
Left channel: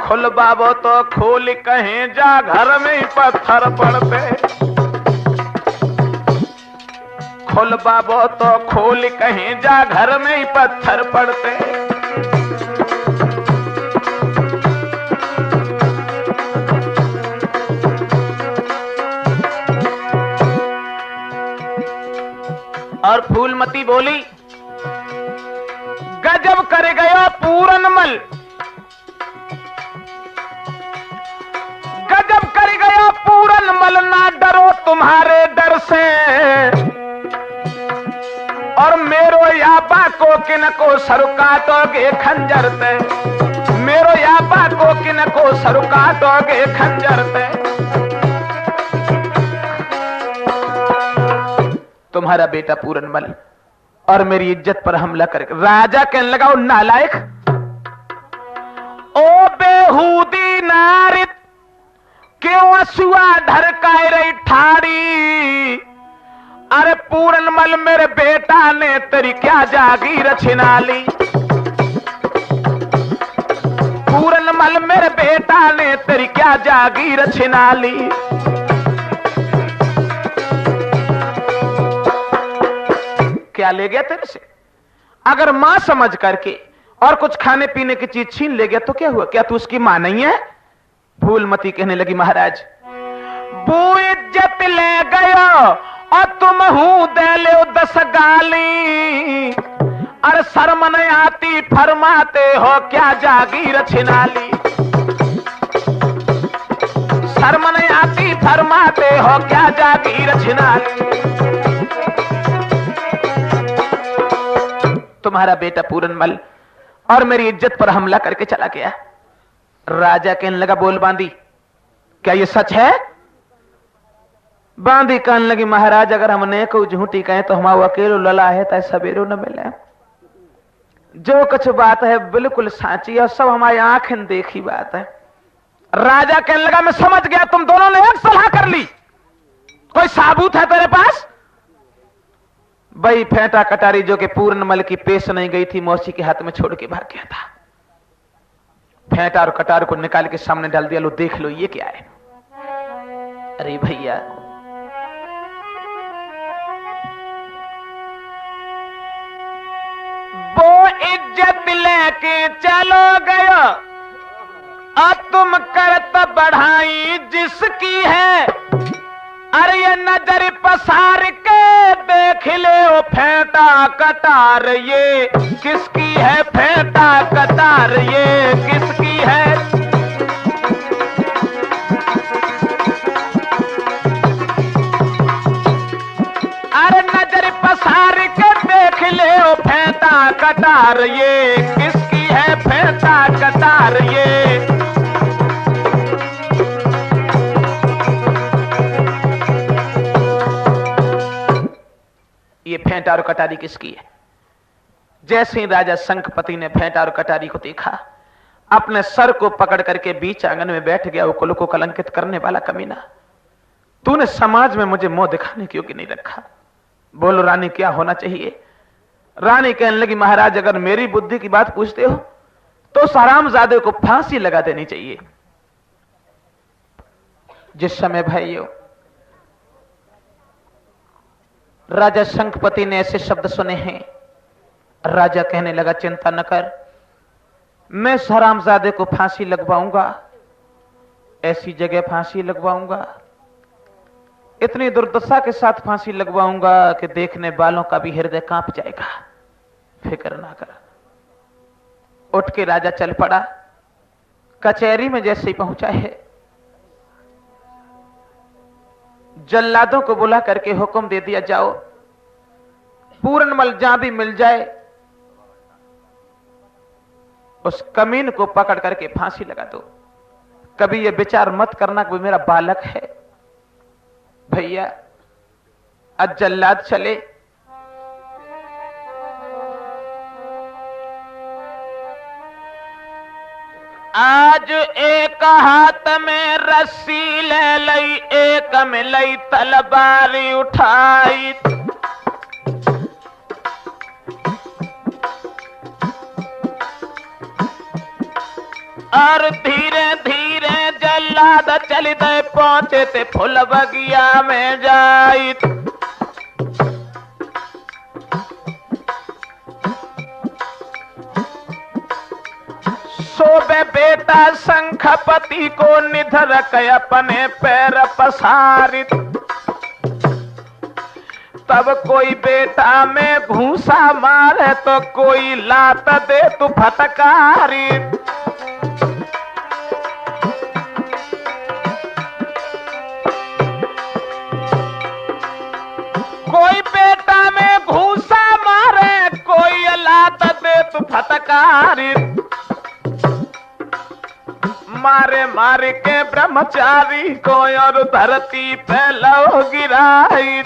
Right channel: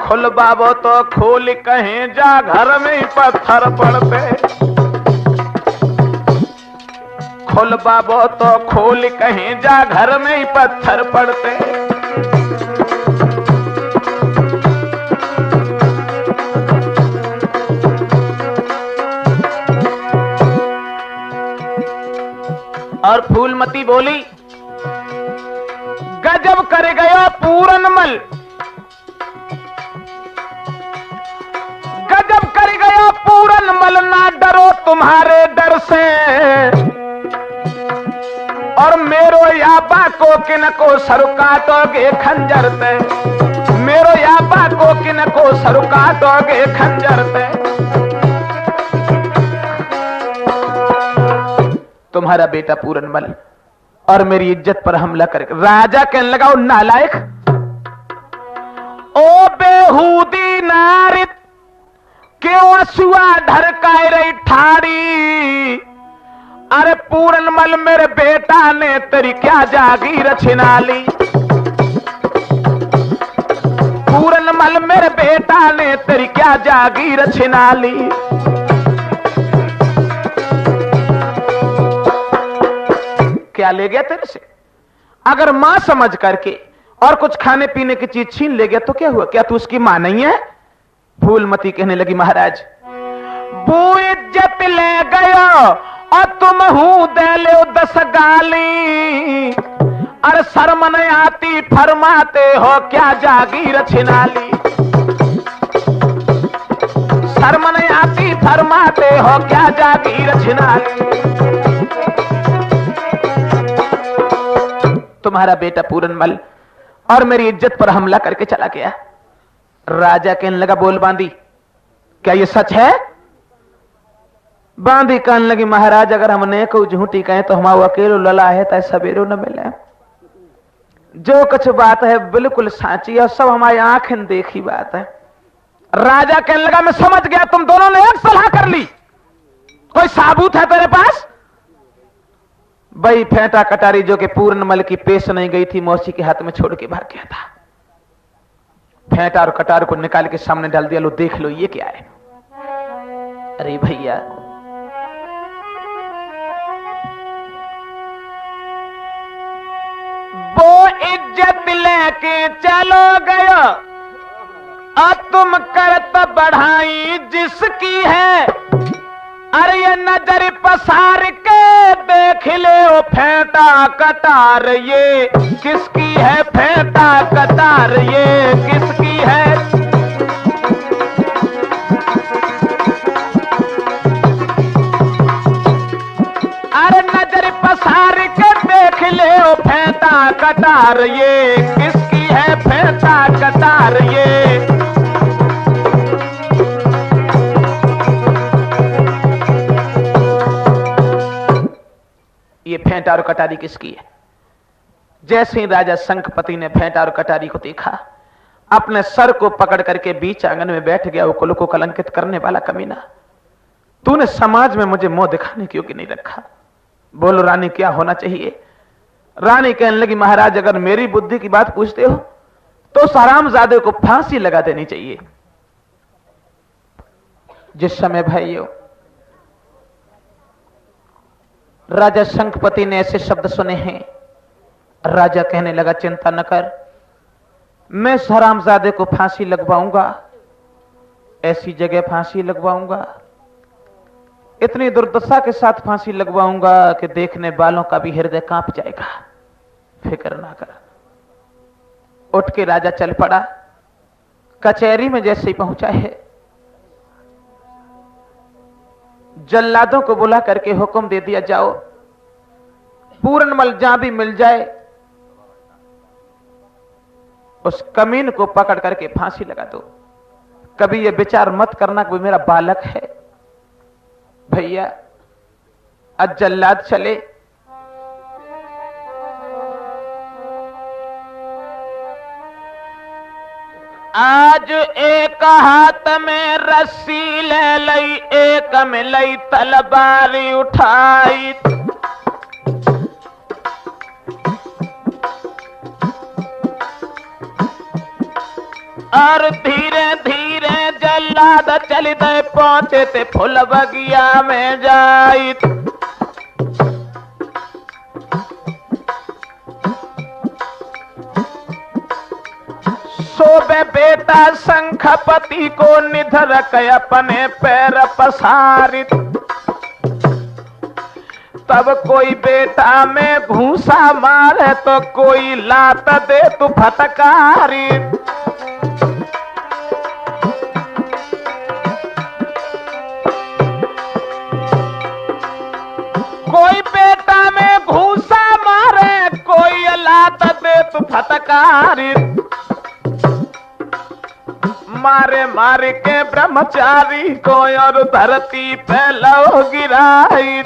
खुल बाबो तो खोल कहीं जा घर में ही पत्थर पड़ते, खुल बाबो तो खोल कहीं जा घर में ही पत्थर पड़ते। और फूलमती बोली, गजब कर गया पूरनमल, गजब कर गया पूरनमल, ना डरो तुम्हारे डर से, और मेरो याबा को किन को सर काटोगे खंजर पे, मेरो याबा को किन को सर काटोगे खंजर पे। तुम्हारा बेटा पूरनमल और मेरी इज्जत पर हमला करके, राजा कहने लगा, ओ नालायक, ओ बेहूदी नारित, क्यों असुआ ढरकाए रही ठाड़ी? अरे पूरनमल मेरे बेटा ने तेरी क्या जागीर छिना ली? पूरनमल मेरे बेटा ने तेरी क्या जागीर छिना ली? क्या ले गया तेरे से? अगर मां समझ करके और कुछ खाने पीने की चीज छीन ले गया तो क्या हुआ? क्या तू उसकी मां नहीं है? फूलमती कहने लगी, महाराज वो इज्जत ले गयो और तुम हूं दे ले 10 गाली, अरे शर्म नहीं आती फरमाते हो क्या जागीर छिना ली? शर्म नहीं आती फरमाते हो क्या जागीर छिना ली? तुम्हारा बेटा पूरनमल और मेरी इज्जत पर हमला करके चला गया। राजा कहने लगा, बोल बांदी, क्या ये सच है? बांदी कहने लगी, महाराज अगर हमने को झूठी कहे तो हम अकेलो लला है तो सवेरो न मिले, जो कुछ बात है बिल्कुल साची है, सब हमारी आंखें देखी बात है। राजा कहने लगा, मैं समझ गया, तुम दोनों ने एक सलाह कर ली, कोई साबूत है तेरे पास? भाई फेंटा कटारी जो कि पूरनमल की पेश नहीं गई थी, मौसी के हाथ में छोड़ के भाग गया था, फेंटा और कटार को निकाल के सामने डाल दिया, लो देख लो ये क्या है। अरे भैया, वो इज्जत लेके चलो गया अब तुम करत बढ़ाई जिसकी है, अरे ये नजर पसार के देख ले ओ फेंटा कटार ये किसकी है? फेंटा कटार ये किसकी है? अरे नजर पसार के देख ले ओ फेंटा कटार ये किसकी है? फेंटा कटार ये फेंटा और कटारी किसकी है? जैसे ही राजा शंखपति ने फेंटा और कटारी को देखा, अपने सर को पकड़ करके बीच आंगन में बैठ गया। वो कुल को कलंकित करने वाला कमीना, तूने समाज में मुझे मुंह दिखाने क्यों कि नहीं रखा? बोलो रानी क्या होना चाहिए? रानी कहने लगी, महाराज अगर मेरी बुद्धि की बात पूछते हो तो उस हरामजादे को फांसी लगा देनी चाहिए। जिस समय भाइयों राजा शंखपति ने ऐसे शब्द सुने हैं, राजा कहने लगा, चिंता न कर, मैं इस हरामजादे को फांसी लगवाऊंगा, ऐसी जगह फांसी लगवाऊंगा, इतनी दुर्दशा के साथ फांसी लगवाऊंगा कि देखने वालों का भी हृदय कांप जाएगा। फिक्र ना कर। उठ के राजा चल पड़ा। कचहरी में जैसे ही पहुंचा है, जल्लादों को बुला करके हुक्म दे दिया, जाओ पूरनमल जहां भी मिल जाए उस कमीन को पकड़ करके फांसी लगा दो। कभी ये विचार मत करना कोई मेरा बालक है। भैया अब जल्लाद चले। आज एक हाथ में रस्सी ले लई, एक में लई तलवारी उठाई। और धीरे धीरे जल्लाद चलते पहुंचे थे फुल बगिया में जाई। सोबे बेटा शंखपति को निधर के अपने पैर पसारित। तब कोई बेटा में घूसा मारे तो कोई लात दे तू फटकारी। कोई बेटा में घूसा मारे कोई लात दे तू फटकारी। मारे मारे के ब्रह्मचारी को और धरती पे लो गिराई।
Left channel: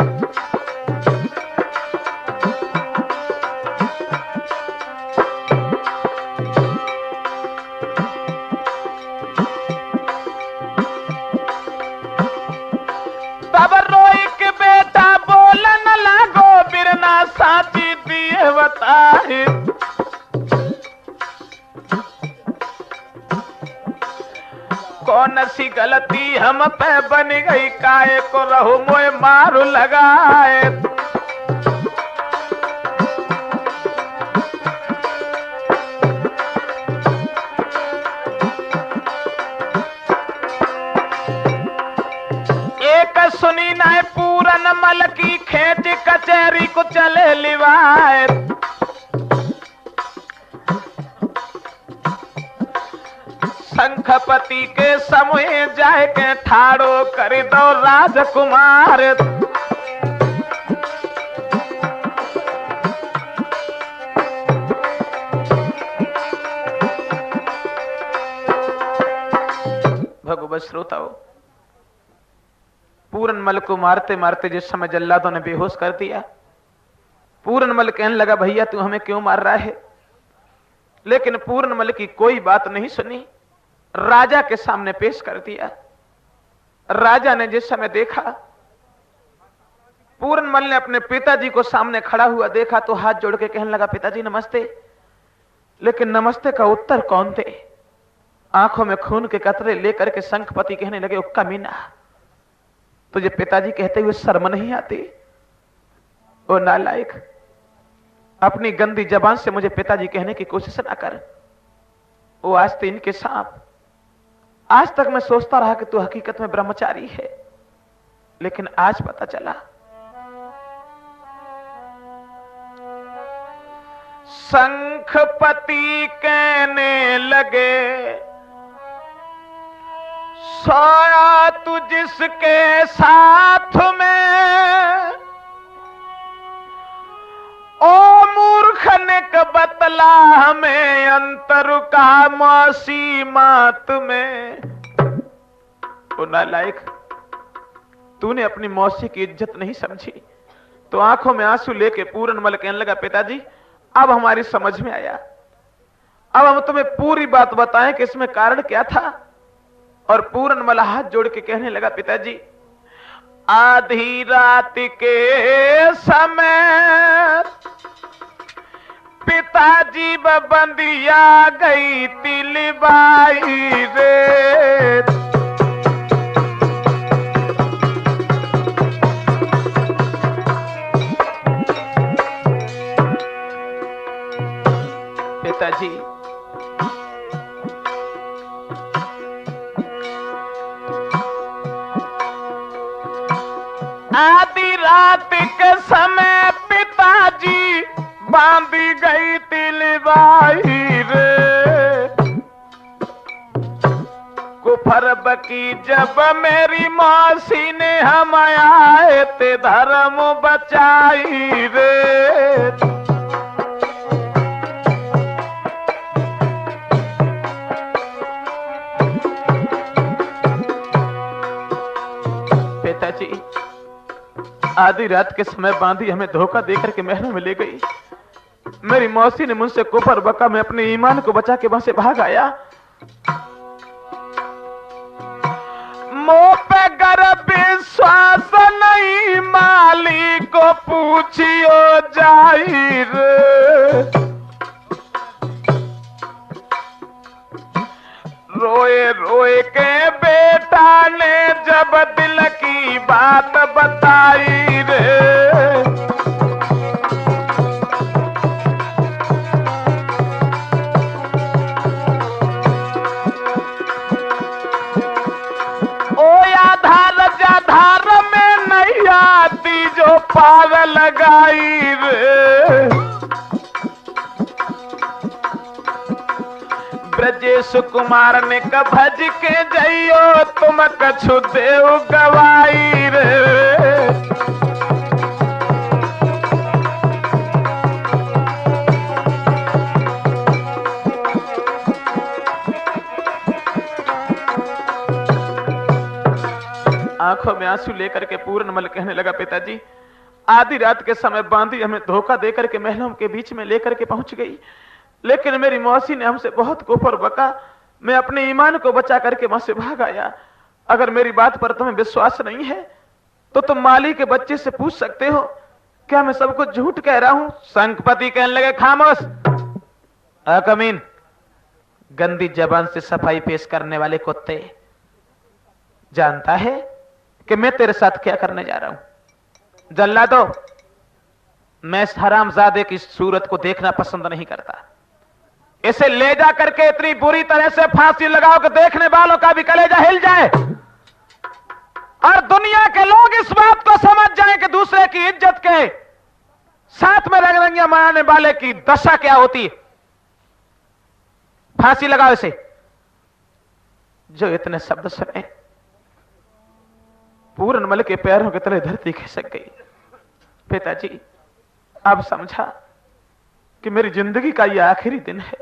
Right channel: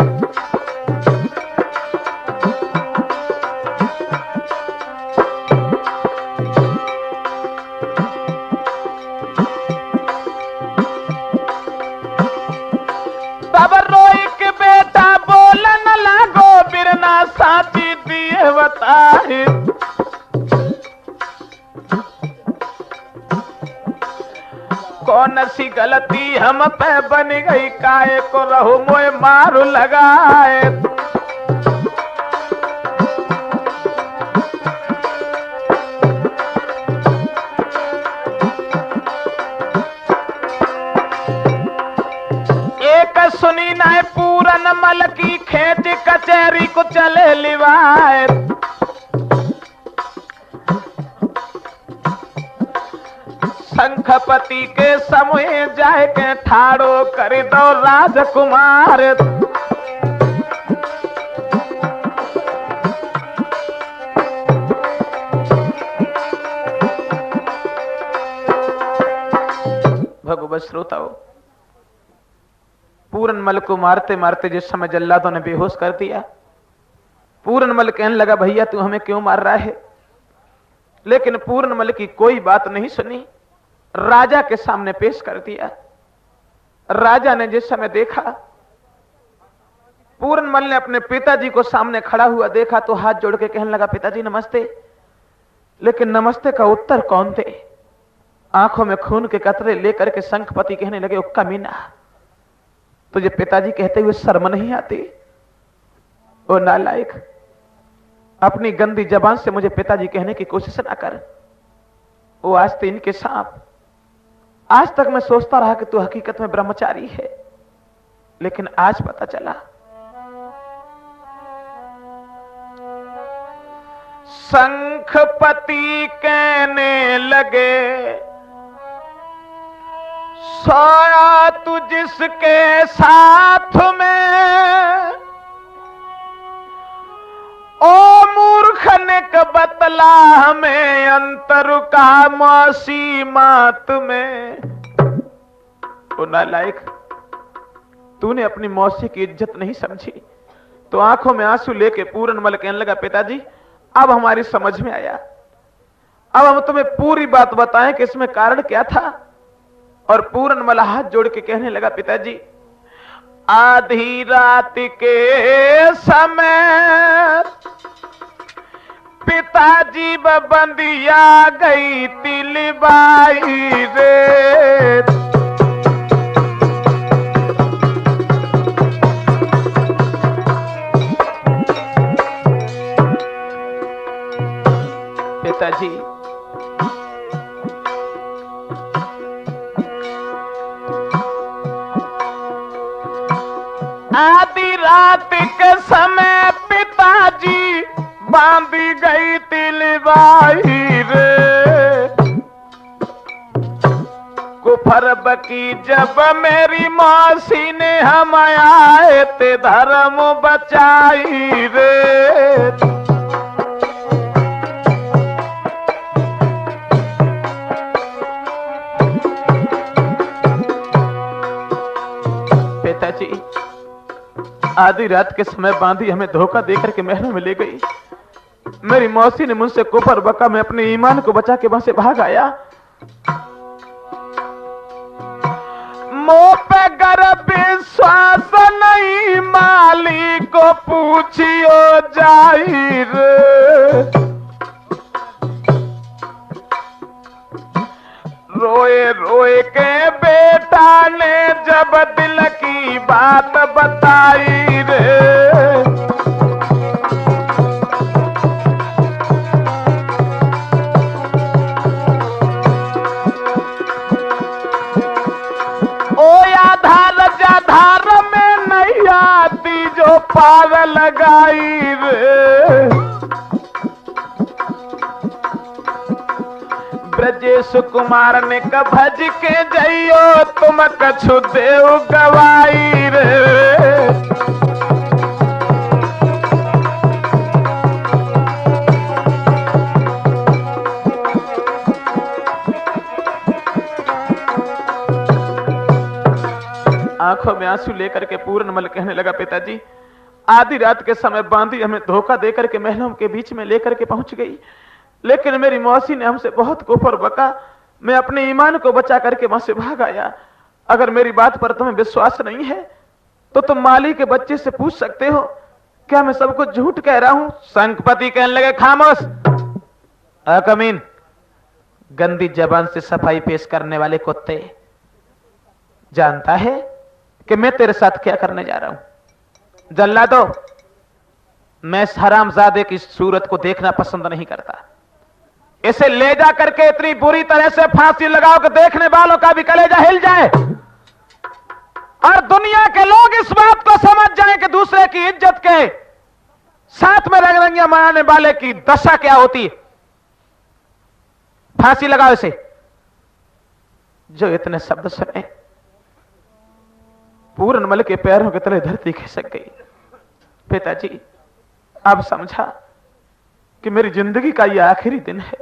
तब रोई के बेटा बोलन लागो, बिरना साथी दिए बताए। कौन सी गलती हम पे बन गई, काहे को रहो मोए मारू लगाए। एक सुनी नाय पूरनमल की खेच कचहरी को चले लिवाए। शंखपति के समय जाए के ठाड़ो कर दो राजकुमार। भगवत श्रोताओं, पूरनमल को मारते मारते जिस समय जल्लादों ने बेहोश कर दिया, पूरनमल कहने लगा, भैया तू हमें क्यों मार रहा है? लेकिन पूरनमल की कोई बात नहीं सुनी, राजा के सामने पेश कर दिया। राजा ने जिस समय देखा, पूरनमल ने अपने पिताजी को सामने खड़ा हुआ देखा तो हाथ जोड़ के कहने लगा, पिताजी नमस्ते। लेकिन नमस्ते का उत्तर कौन दे? आंखों में खून के कतरे लेकर के शंखपति कहने लगे, उक्का मीना, तुझे पिताजी कहते हुए शर्म नहीं आती? ओ नालायक, अपनी गंदी जबान से मुझे पिताजी कहने की कोशिश ना कर। वो आस्तीन के सांप, आज तक मैं सोचता रहा कि तू हकीकत में ब्रह्मचारी है, लेकिन आज पता चला। शंखपति कहने लगे, सोया तू जिसके साथ में, ओ मूर्ख ने बतला हमें अंतर का मौसी मात में। ओ नालायक, तूने अपनी मौसी की इज्जत नहीं समझी। तो आंखों में आंसू लेके पूरनमल कहने लगा, पिताजी अब हमारी समझ में आया, अब हम तुम्हें पूरी बात बताएं कि इसमें कारण क्या था। और पूरनमल हाथ जोड़ के कहने लगा, पिताजी आधी रात के समय पिताजी बंदिया गई तिलबाई रे। पिताजी आधी रात के समय पिताजी बांधी गई तिलवाई रे। कुफर बकी जब मेरी मौसी ने हम आए ते धर्म बचाई रे। पिताजी आधी रात के समय बांधी हमें धोखा देकर के महल में ले गई। मेरी मौसी ने मुझसे कुफर बका, मैं अपने ईमान को बचा के वहां से भाग आया। मुंह पे गर विश्वास नहीं, माली को पूछियो जाहिर। रोए रोए के बेटा ने जब दिल की बात बताई रे। पार लगाई रे। ब्रजेश कुमार ने कभज के जइयो तुम कछु देव गवाई रे। आंखों में आंसू लेकर के पूर्णमल कहने लगा, पिताजी आधी रात के समय बांधी हमें धोखा देकर के महलों के बीच में लेकर के पहुंच गई, लेकिन मेरी मौसी ने हमसे बहुत कुफर बका। मैं अपने ईमान को बचा करके वहां से भाग आया। अगर मेरी बात पर तुम्हें विश्वास नहीं है तो तुम माली के बच्चे से पूछ सकते हो, क्या मैं सब कुछ झूठ कह रहा हूं? संकपति कहने लगे, खामोश अकमीन, गंदी जबान से सफाई पेश करने वाले कुत्ते। जानता है कि मैं तेरे साथ क्या करने जा रहा हूं? जल्लादो, मैं इस हरामजादे की सूरत को देखना पसंद नहीं करता। इसे ले जा करके इतनी बुरी तरह से फांसी लगाओ कि देखने वालों का भी कलेजा हिल जाए और दुनिया के लोग इस बात को समझ जाएं कि दूसरे की इज्जत के साथ में रंगरंगियां मनाने वाले की दशा क्या होती है। फांसी लगाओ इसे। जो इतने शब्द सुने पूर्णमल के पैरों के तले धरती खिसक गई। पिताजी अब समझा कि मेरी जिंदगी का यह आखिरी दिन है,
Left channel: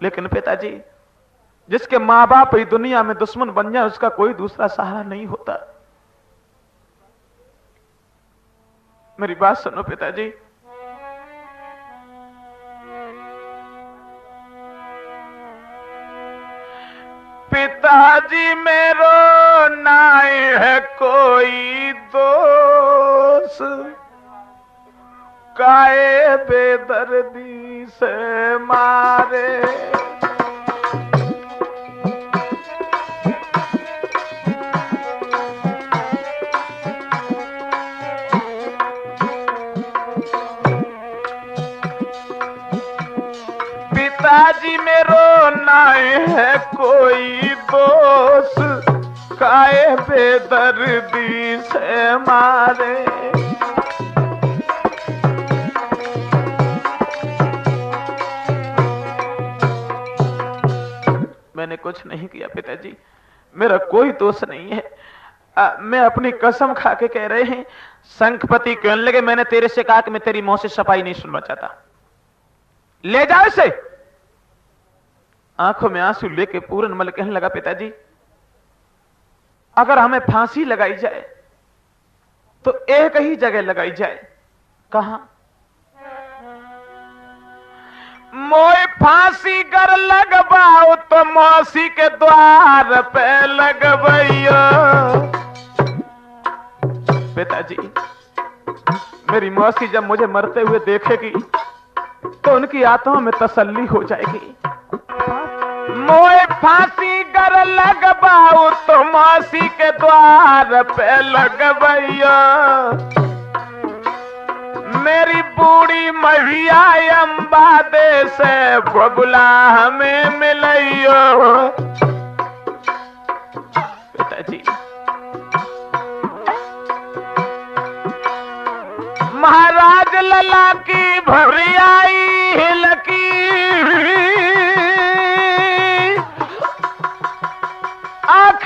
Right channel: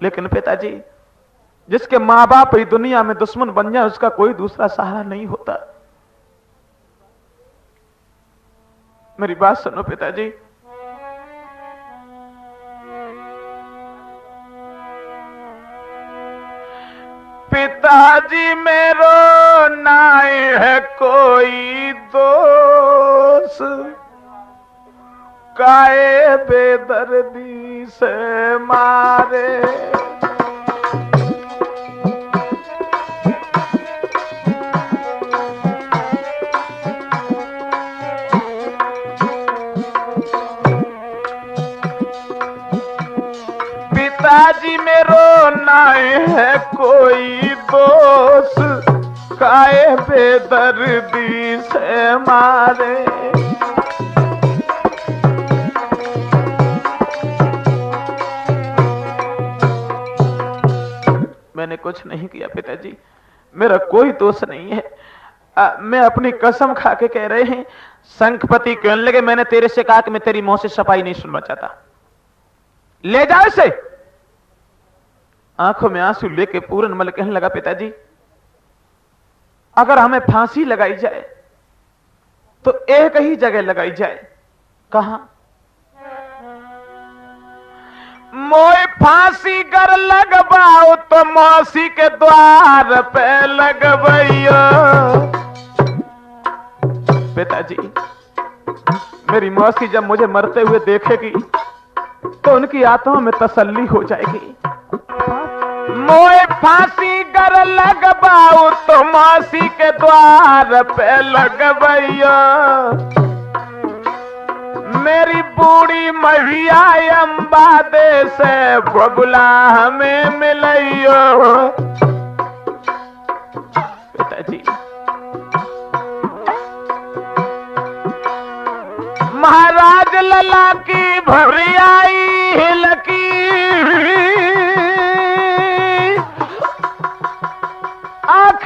लेकिन पिताजी जिसके मां बाप ही दुनिया में दुश्मन बन जाए उसका कोई दूसरा सहारा नहीं होता। मेरी बात सुनो पिताजी। पिताजी मेरो नाई है कोई दोष, काए बेदर्दी से मारे। पिताजी मेरो नाई है कोई दोष, काए बेदर्दी से मारे। मैंने कुछ नहीं किया पिताजी, मेरा कोई दोष नहीं है। मैं अपनी कसम खा के कह रहे हैं। संकपति कहने लगे, मैंने तेरे से कहा कि मैं तेरी मुंह से सफाई नहीं सुनना चाहता, ले जाओ इसे। आंखों में आंसू लेके पूर्णमल कहने लगा, पिताजी अगर हमें फांसी लगाई जाए तो एक ही जगह लगाई जाए। कहां? मोए फांसी कर लगवाओ तो मौसी के द्वार पे लगवैया। पिताजी मेरी मौसी जब मुझे मरते हुए देखेगी तो उनकी आत्मा में तसल्ली हो जाएगी। मोए फांसी कर लगवाओ तो मौसी के द्वार पे लगवैया। मेरी बूढ़ी मैया अम्बा दे से बगुला हमें मिलैयो। पिताजी महाराज लला की भरियाई हिलकी,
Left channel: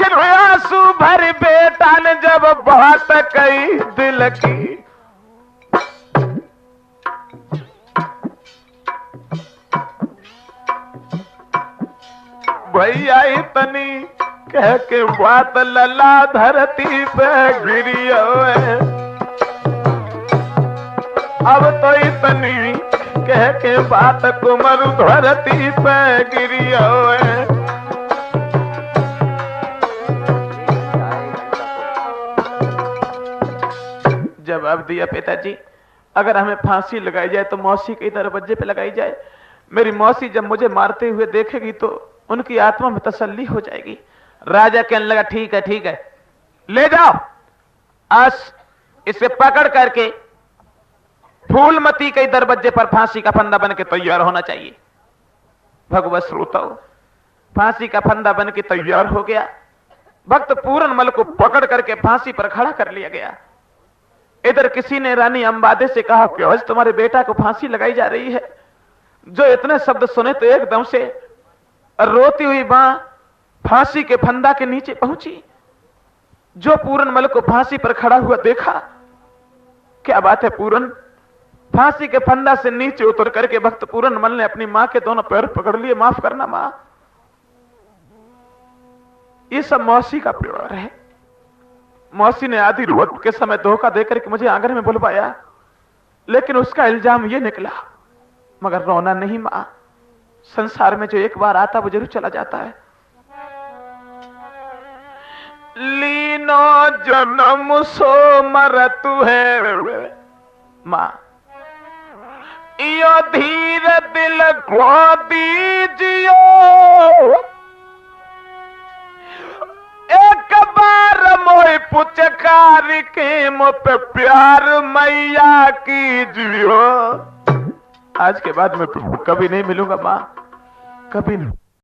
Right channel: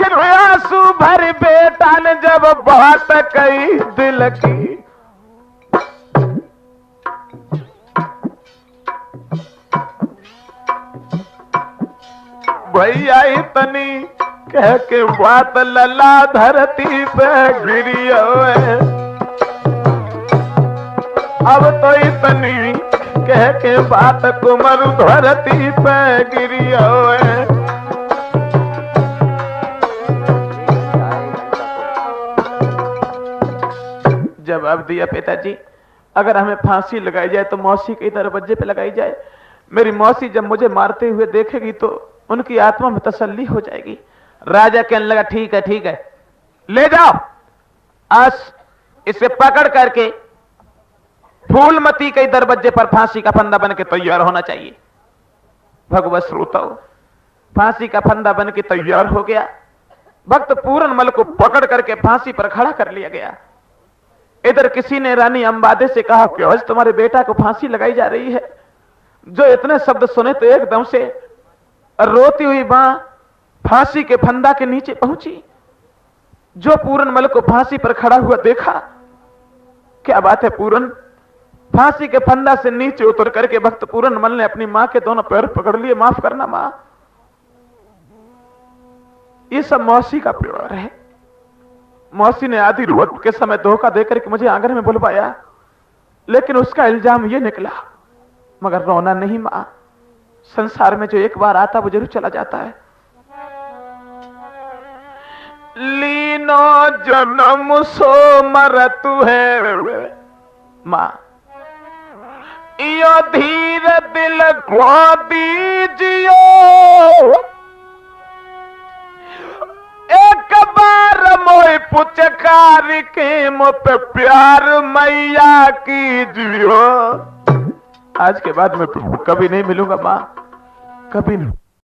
लेकिन आंसू भर बेटा ने जब बात कही दिल की, भैया इतनी कह के बात लला धरती पे गिरी अब तो इतनी कह के बात कुमर धरती पे गिरी जवाब दिया पिताजी, अगर हमें फांसी लगाई जाए तो मौसी के दरवाजे पे लगाई जाए। मेरी मौसी जब मुझे मारते हुए देखेगी तो उनकी आत्मा में तसल्ली हो जाएगी। राजा कहने लगा ठीक है ले जाओ, आज इसे पकड़ करके फूलमती के दरवाजे पर फांसी का फंदा बन के तैयार होना चाहिए। भगवत श्रोताओ, फांसी का फंदा बन के तैयार हो गया। भक्त पूरनमल को पकड़ करके फांसी पर खड़ा कर लिया गया। इधर किसी ने रानी अंबादे से कहा कि आज तुम्हारे बेटा को फांसी लगाई जा रही है। जो इतने शब्द सुने तो एकदम से रोती हुई मां फांसी के फंदा के नीचे पहुंची। जो पूरनमल को फांसी पर खड़ा हुआ देखा, क्या बात है पूरन, फांसी के फंदा से नीचे उतर करके भक्त पूरनमल ने अपनी मां के दोनों पैर पकड़ लिए। माफ करना मां, ये सब मौसी का प्यार है। मौसी ने आधी रात के समय धोखा देकर के मुझे आंगन में बुलवाया, लेकिन उसका इल्जाम ये निकला। मगर रोना नहीं मां, संसार में जो एक बार आता वो जरूर चला जाता है। लीनो जन्म सो मरतु है मां, यो धीर दिल को दीजियो, एक बार मोह पुचकार के मुझ पे प्यार मैया कीजियो। आज के बाद मैं कभी नहीं मिलूंगा मां, कभी नहीं।